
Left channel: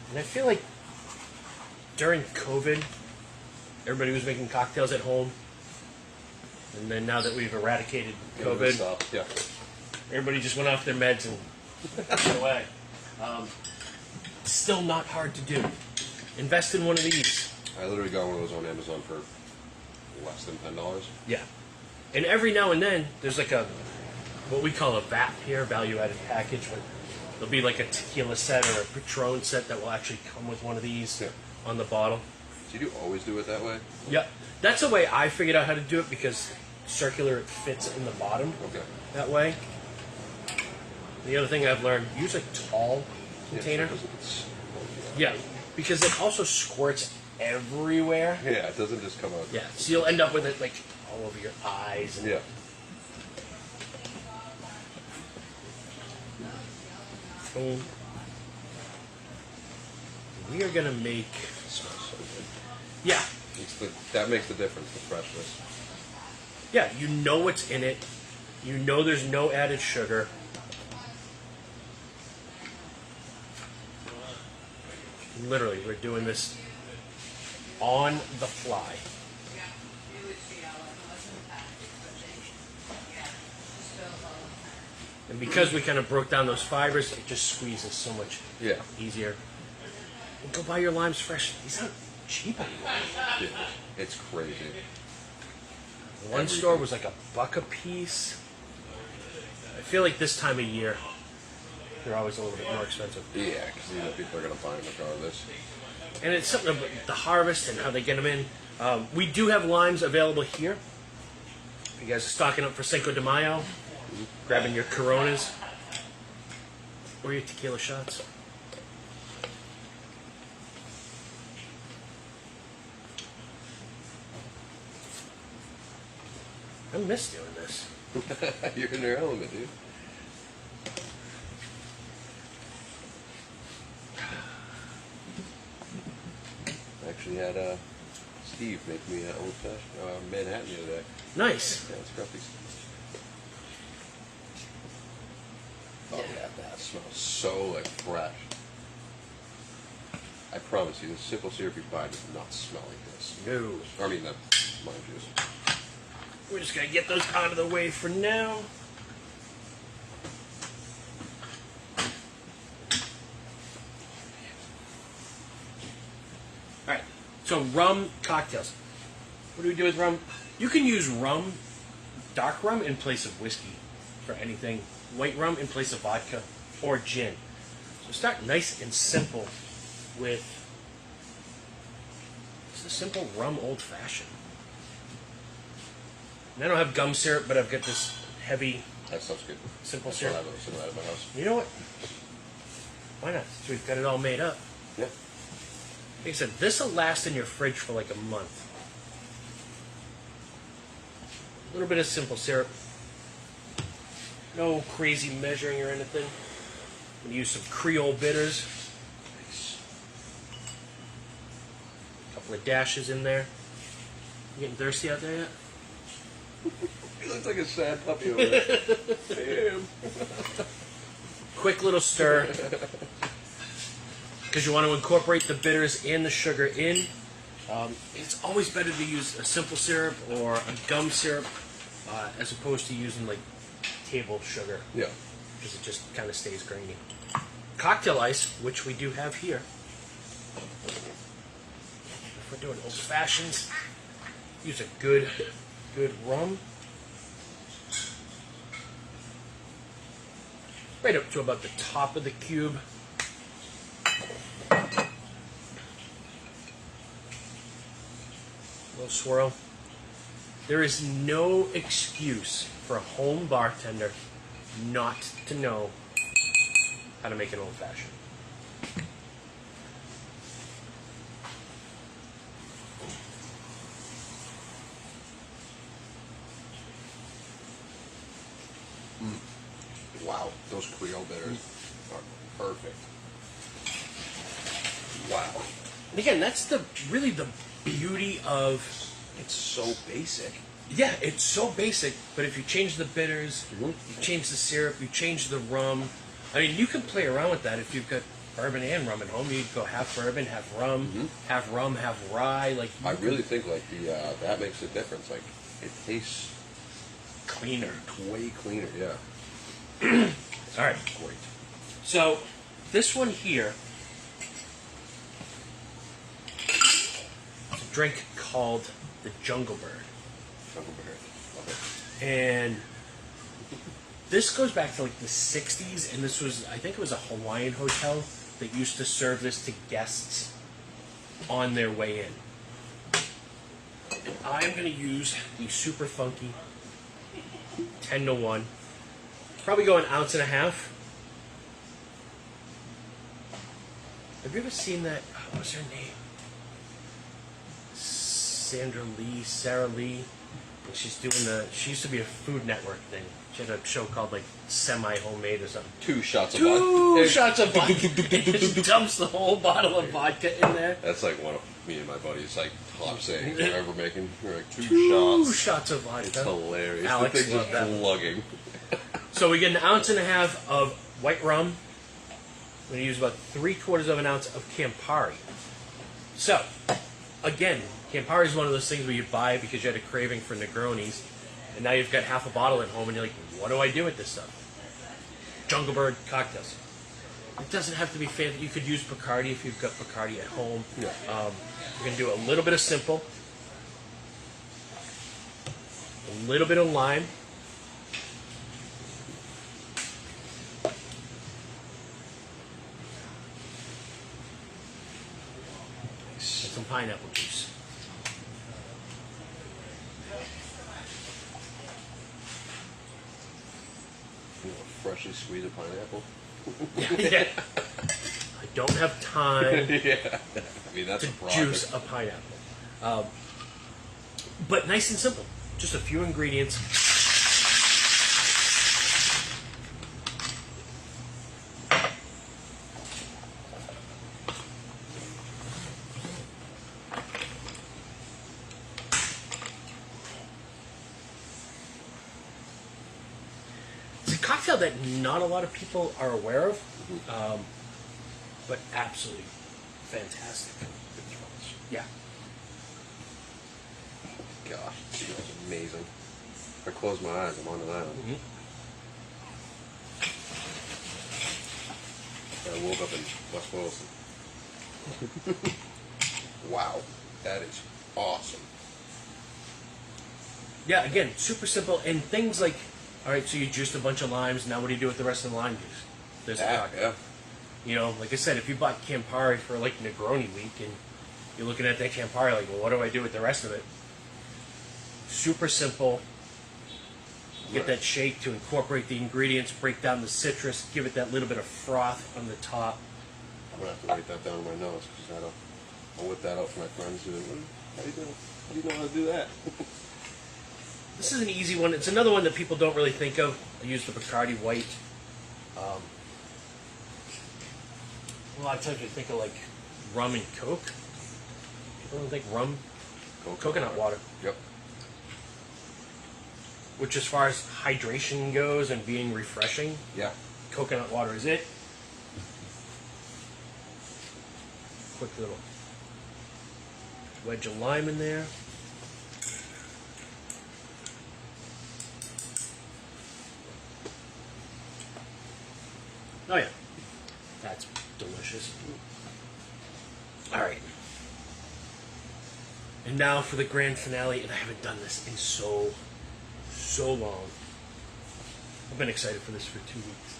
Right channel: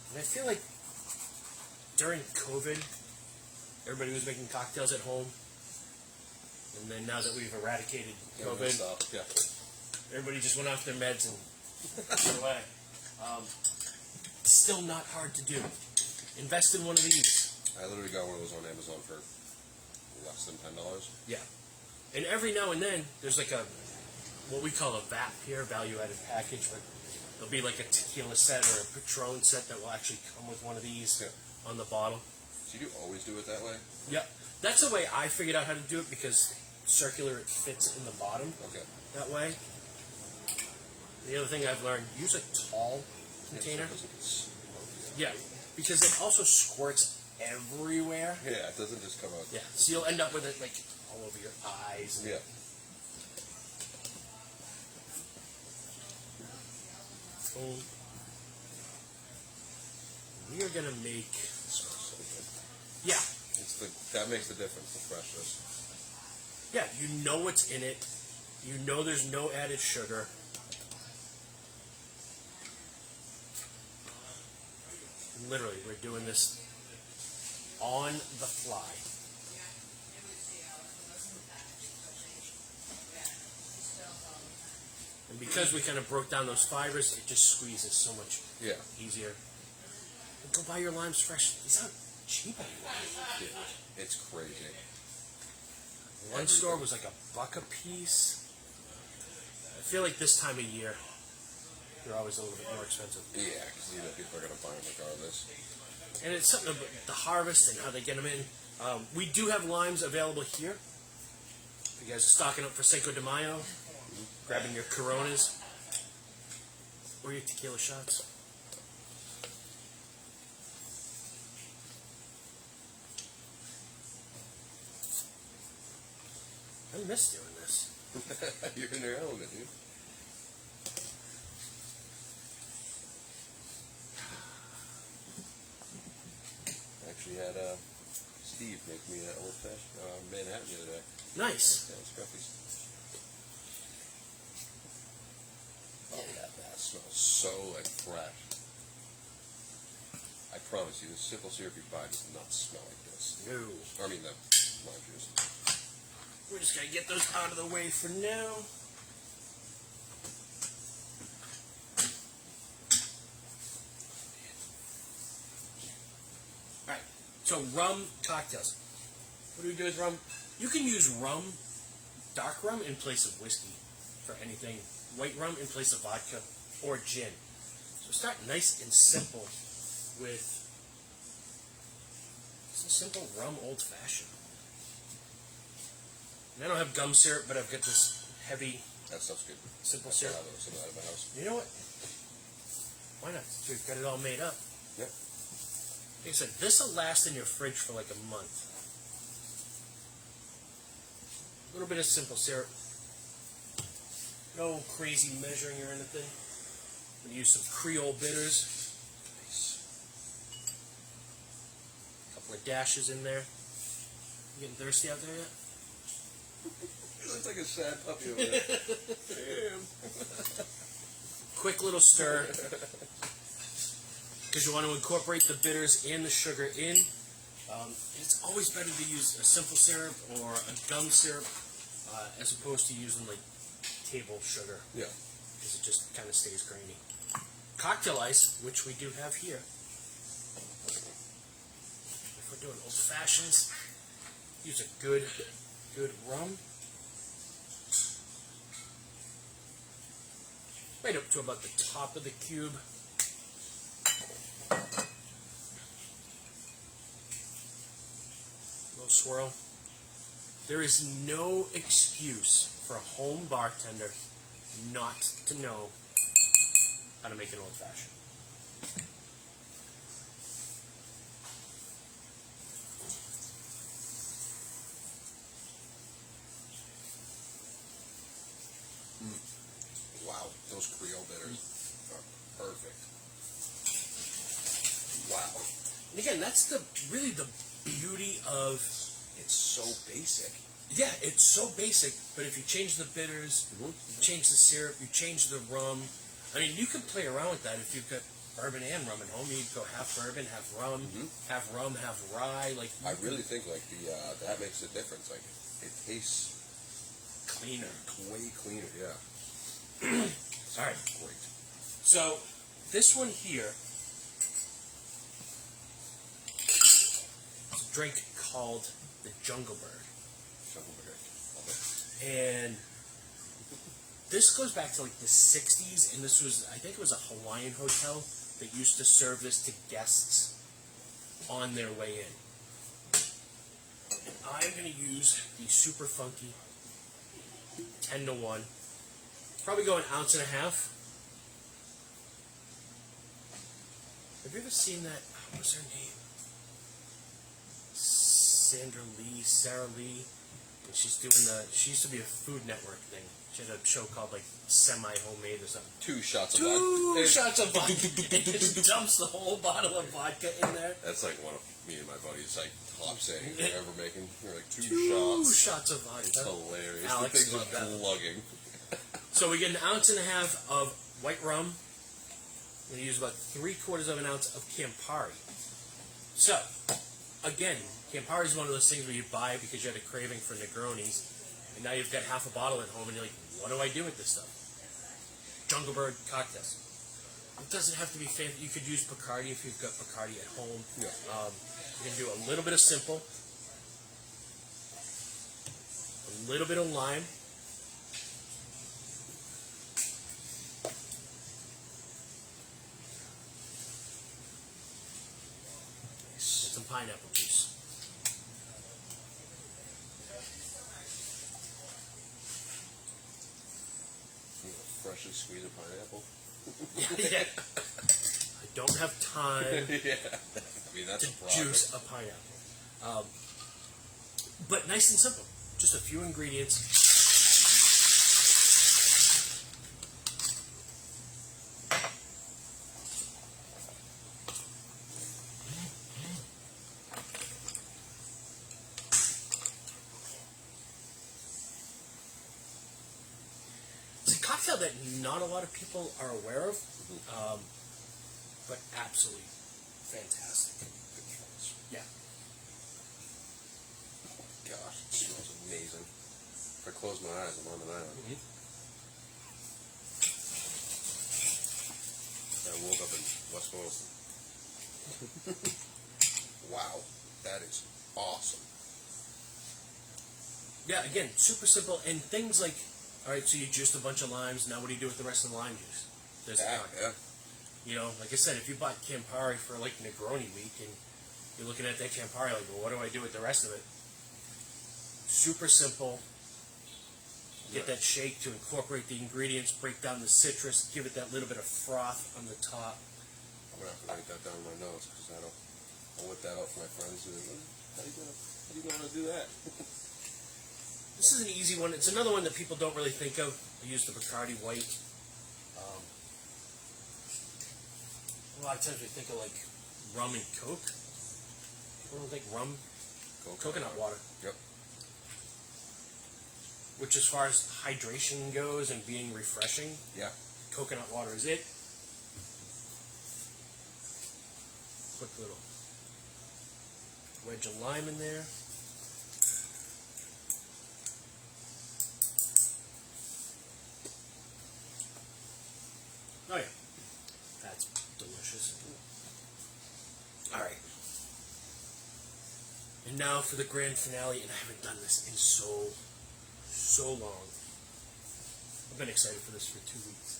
And I feel like during COVID, everybody was making cocktails at home. And then now that we've eradicated COVID, Yeah. everybody just went off their meds and went away. It's still not hard to do. Invest in one of these. I literally got one of those on Amazon for less than $10. Yeah. And every now and then, there's like a, what we call a VAP here, value-added package, where there'll be like a tequila set or a Patron set that will actually come with one of these on the bottle. So you do always do it that way? Yep. That's the way I figured out how to do it, because circular, it fits in the bottom that way. The other thing I've learned, use a tall container. Yeah, because it also squirts everywhere. Yeah, it doesn't just come out. Yeah, so you'll end up with it like all over your eyes. And boom. We are gonna make. It smells so good. Yeah. That makes the difference, the freshness. Yeah, you know what's in it. You know there's no added sugar. Literally, we're doing this on the fly. And because we kind of broke down those fibers, it just squeezes so much easier. And go buy your limes fresh. These aren't cheap anymore. Yeah, it's crazy. One store was like $1 a piece. I feel like this time of year, they're always a little bit more expensive. Yeah, because you know people are going to buy them regardless. And it's something about the harvest and how they get them in. We do have limes available here. If you guys are stocking up for Cinco de Mayo, grabbing your Coronas or your tequila shots. I miss doing this. You're in your element, dude. Actually had Steve make me an old fashioned Manhattan the other day. Nice. Yeah, it's Scruffy's. Oh yeah, that smells so like fresh. I promise you, the simple syrup you buy does not smell like this. No. I mean, the lime juice. We're just going to get those out of the way for now. Alright, so rum cocktails. What do we do with rum? You can use rum, dark rum, in place of whiskey for anything. White rum in place of vodka or gin. So start nice and simple with just a simple rum old fashioned. And I don't have gum syrup, but I've got this heavy, That sounds good. simple I syrup. have some of that in my house. You know what? Why not? So we've got it all made up. Yeah. Like I said, this will last in your fridge for like a month. A little bit of simple syrup. No crazy measuring or anything. I'm gonna use some Creole bitters. Nice. A couple of dashes in there. You getting thirsty out there yet? He looks like a sad puppy over there. Damn. Quick little stir. Because you want to incorporate the bitters and the sugar in. It's always better to use a simple syrup or a gum syrup as opposed to using like table sugar. Yeah. Because it just kind of stays grainy. Cocktail ice, which we do have here. If we're doing old fashions, use a good rum. Right up to about the top of the cube. Little swirl. There is no excuse for a home bartender not to know how to make an old fashioned. Wow, those Creole bitters are perfect. Wow. And again, that's really the beauty of. It's so basic. Yeah, it's so basic, but if you change the bitters, you change the syrup, you change the rum. I mean, you can play around with that if you've got bourbon and rum at home. You could go half bourbon, half rum, half rye. Like I really think like that makes a difference. Like it tastes cleaner. way cleaner. Yeah. All right. Great. So this one here is a drink called the Jungle Bird. Jungle Bird. Love it. And this goes back to like the 60s, and this was, I think it was a Hawaiian hotel that used to serve this to guests on their way in. And I'm going to use the super funky 10 to 1. Probably go an ounce and a half. Have you ever seen that? Oh, what's her name? Sarah Lee. And she's doing she used to be a Food Network thing. She had a show called like Semi Homemade or something. 2 shots of Two vodka. shots of vodka. Just dumps the whole bottle of vodka in there. That's like one of me and my buddies like top saying we're ever making. We're like two Two shots. shots of vodka. It's hilarious. Alex the thing's loved just that. plugging. So we get an ounce and a half of white rum. I'm going to use about 3/4 of an ounce of Campari. So, again, Campari is one of those things where you buy because you had a craving for Negronis, and now you've got half a bottle at home, and you're like, what do I do with this stuff? Jungle Bird cocktails. It doesn't have to be fancy. You could use Bacardi if you've got Bacardi at home. Yeah. We're going to do a little bit of simple, a little bit of lime, and some pineapple juice. You know, freshly squeezed pineapple. Yeah. I don't have time Yeah. I mean, that's to a project. juice a pineapple. But nice and simple. Just a few ingredients. It's a cocktail that not a lot of people are aware of, but absolutely fantastic. Yeah. Gosh, it smells amazing. If I close my eyes, I'm on an island. I woke up in West Boylston. Wow, that is awesome. Yeah, again, super simple. And things like, all right, so you juiced a bunch of limes. Now what do you do with the rest of the lime juice? There's a cocktail. Yeah. You know, like I said, if you bought Campari for like Negroni week and you're looking at that Campari like, well, what do I do with the rest of it? Super simple. Get that shake to incorporate the ingredients, break down the citrus, give it that little bit of froth on the top. I'm going to have to write that down in my notes because I'll whip that out for my friends. Who, how do you know how to do that? This is an easy one. It's another one that people don't really think of. I use the Bacardi White. a lot of times we think of like rum and Coke. People don't think rum, coconut water. Yep. Which, as far as hydration goes and being refreshing, Yeah. coconut water is it. Quick little wedge of lime in there. Oh yeah, that's delicious. All right, and now for the grand finale, and I haven't done this in so long. I've been excited for this for 2 weeks.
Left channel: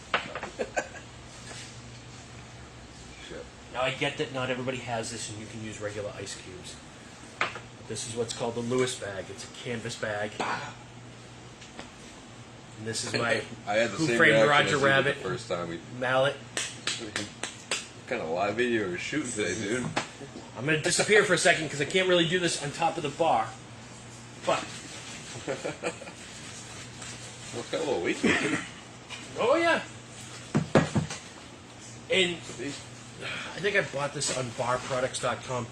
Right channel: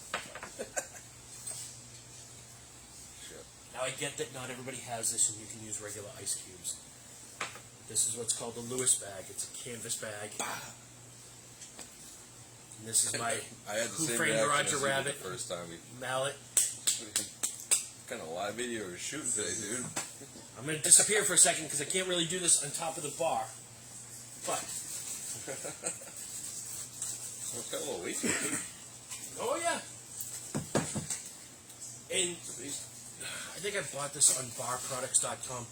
Shit. Now I get that not everybody has this, and you can use regular ice cubes. This is what's called the Lewis bag. It's a canvas bag. And this is my I had the Who same Framed reaction Roger as you did Rabbit the first time we. mallet. What kind of live video are you shooting today, dude? I'm going to disappear for a second because I can't really do this on top of the bar. But, Well, it's got a little weight to it. oh yeah. And I think I bought this on barproducts.com.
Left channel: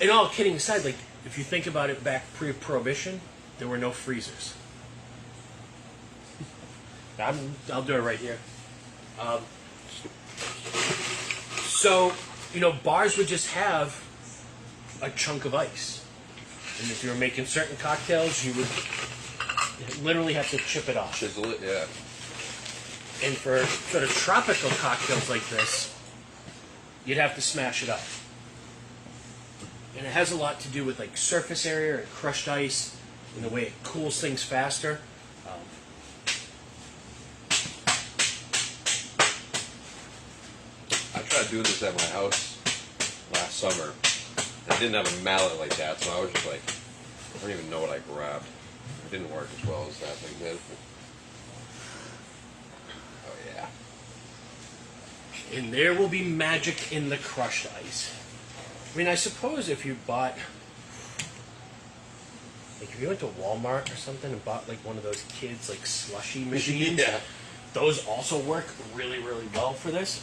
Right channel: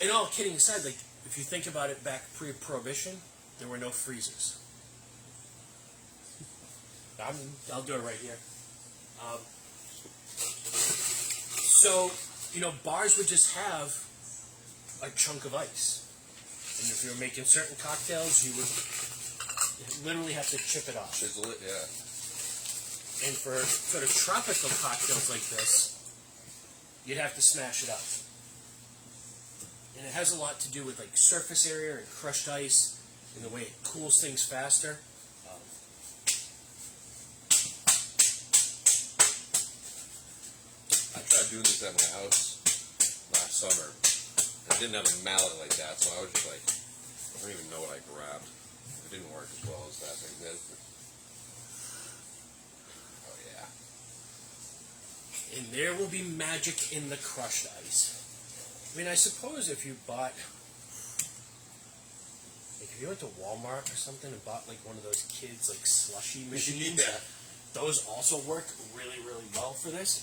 And all kidding aside, like, if you think about it back pre-prohibition, there were no freezers. I'll do it right here. So, bars would just have a chunk of ice. And if you were making certain cocktails, you would literally have to chip it off. Chisel it, yeah. And for sort of tropical cocktails like this, you'd have to smash it up. And it has a lot to do with like surface area and crushed ice and the way it cools things faster. I tried doing this at my house last summer. I didn't have a mallet like that, so I was just like, I don't even know what I grabbed. It didn't work as well as that thing did. Oh yeah. And there will be magic in the crushed ice. I mean, I suppose if you bought, like if you went to Walmart or something and bought like one of those kids like slushy machines, Yeah. those also work really, really well for this.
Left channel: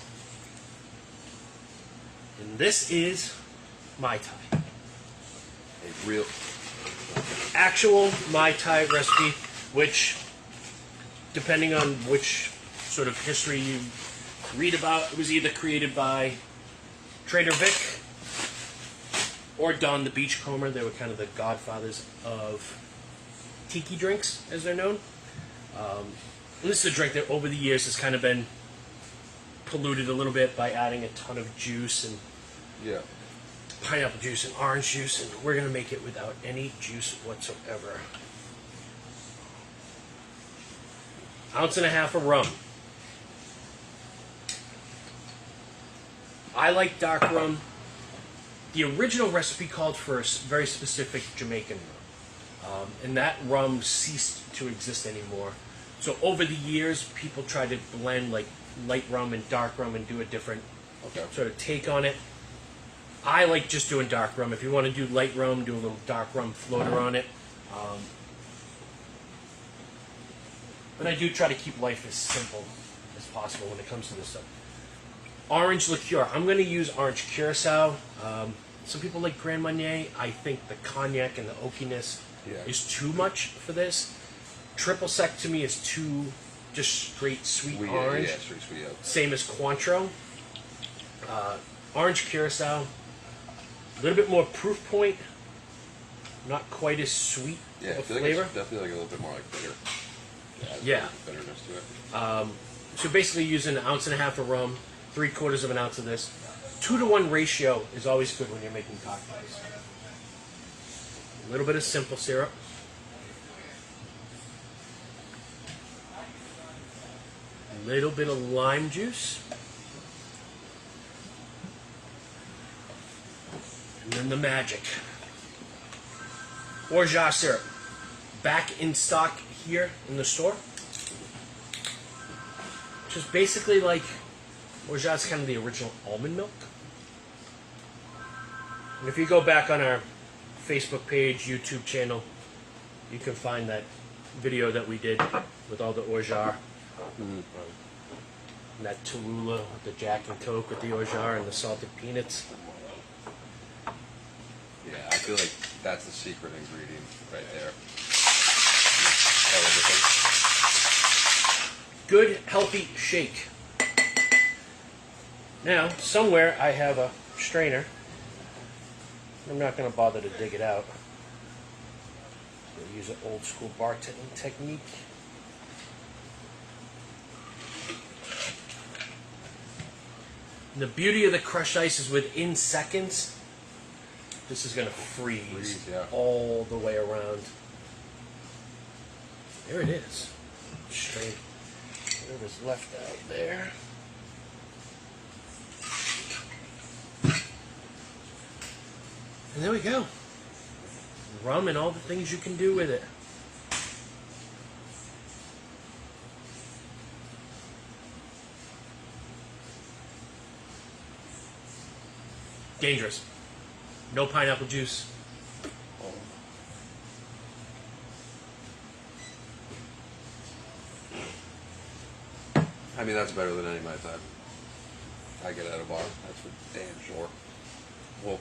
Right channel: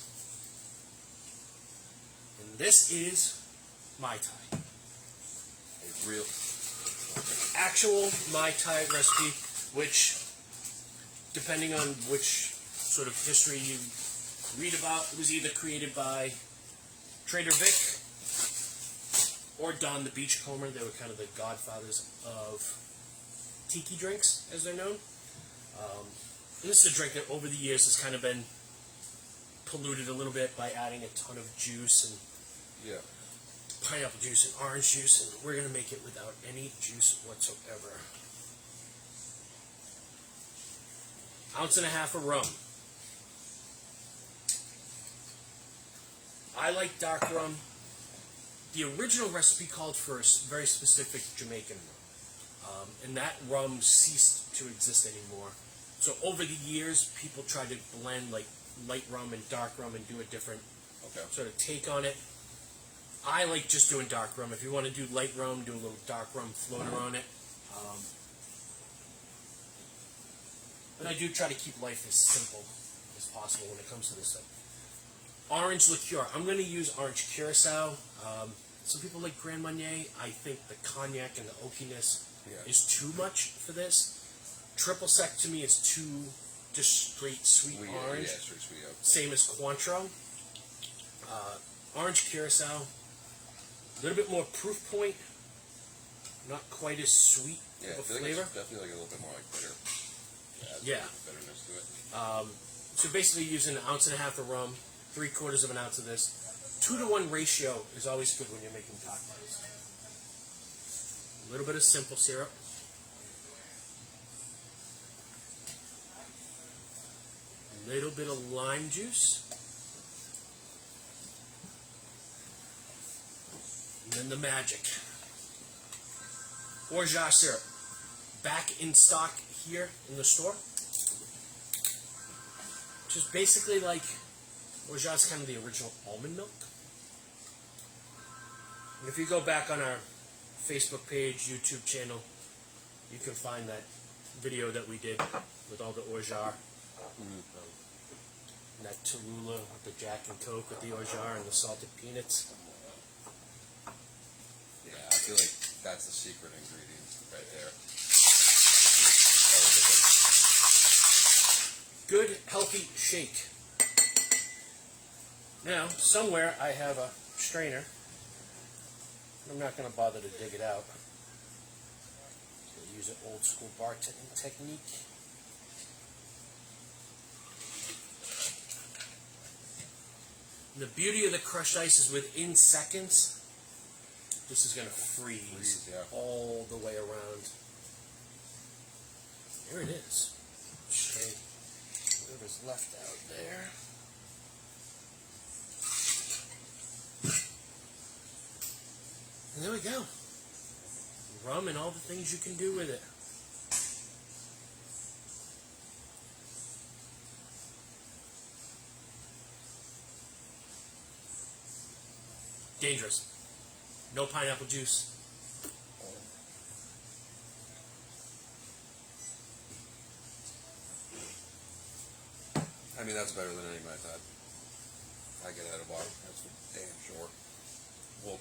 And this is Mai Tai. A real. Actual Mai Tai recipe, which, depending on which sort of history you read about, it was either created by Trader Vic or Don the Beachcomber. They were kind of the godfathers of tiki drinks, as they're known. And this is a drink that over the years has kind of been polluted a little bit by adding a ton of juice and Yeah. pineapple juice and orange juice, and we're going to make it without any juice whatsoever. 1.5 ounces of rum. I like dark rum. The original recipe called for a very specific Jamaican rum, and that rum ceased to exist anymore. So over the years, people tried to blend like light rum and dark rum and do a different sort of take on it. I like just doing dark rum. If you want to do light rum, do a little dark rum floater on it. But I do try to keep life as simple as possible when it comes to this stuff. Orange liqueur. I'm going to use orange curacao. Some people like Grand Marnier. I think the cognac and the oakiness is too much for this. Triple sec to me is too just straight sweet orange. Yeah, straight sweet. Yeah. Same as Cointreau. Orange curacao. A little bit more proof point. Not quite as sweet Yeah, of I a feel like flavor. it's definitely like a little bit more like bitter. Yeah. Bitterness to it. So basically using 1.5 ounces of rum, 3/4 ounce of this. 2-to-1 ratio is always good when you're making cocktails. A little bit of simple syrup. A little bit of lime juice. And then the magic. Orgeat syrup. Back in stock here in the store. Which is basically like Orgeat's kind of the original almond milk. And if you go back on our Facebook page, YouTube channel, you can find that video that we did with all the Orgeat. And that Tallulah with the Jack and Coke with the orgeat and the salted peanuts. Yeah, I feel like that's the secret ingredient right there. Good, healthy shake. Now, somewhere I have a strainer. I'm not going to bother to dig it out. So use an old school bartending technique. And the beauty of the crushed ice is within seconds, this is going to freeze all the way around. There it is. Straight. Whatever's left out there. And there we go. Rum and all the things you can do with it. Dangerous. No pineapple juice. I mean, that's better than any night time I get at a bar. That's for damn sure. Well,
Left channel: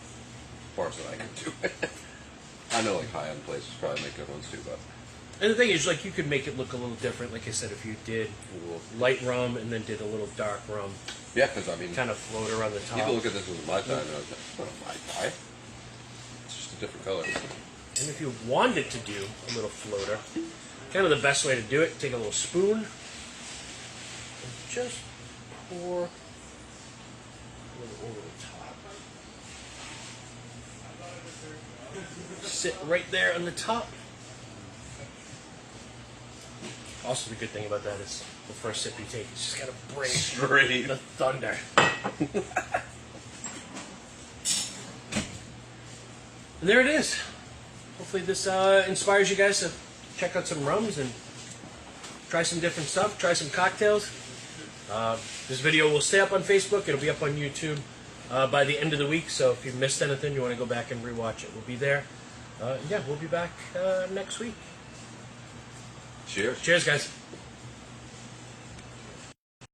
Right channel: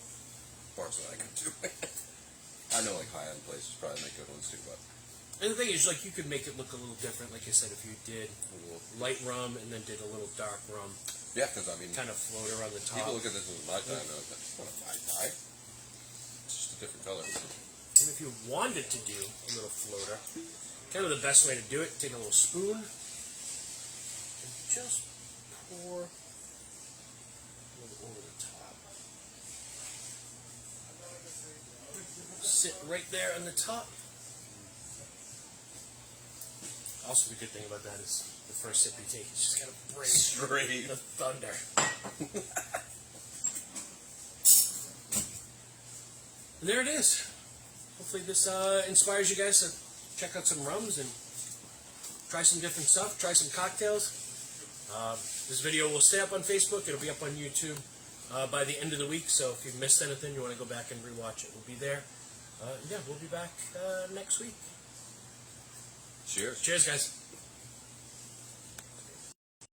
bars that I can do. I know, like, high-end places probably make good ones too, but... And the thing is, like, you could make it look a little different. Like I said, if you did light rum and then did a little dark rum. Yeah, because, I mean... Kind of float around the top. People look at this as a Mai Tai, and they're like, that's not a Mai Tai. It's just a different color. And if you wanted to do a little floater, kind of the best way to do it, take a little spoon and just pour a little over the top. Sit right there on the top. Also, the good thing about that is the first sip you take, you just gotta bring Straight. the thunder. And there it is. Hopefully this inspires you guys to check out some rums and try some different stuff, try some cocktails. This video will stay up on Facebook. It'll be up on YouTube by the end of the week. So if you've missed anything, you want to go back and rewatch it, we'll be there. Yeah, we'll be back next week. Cheers. Cheers, guys.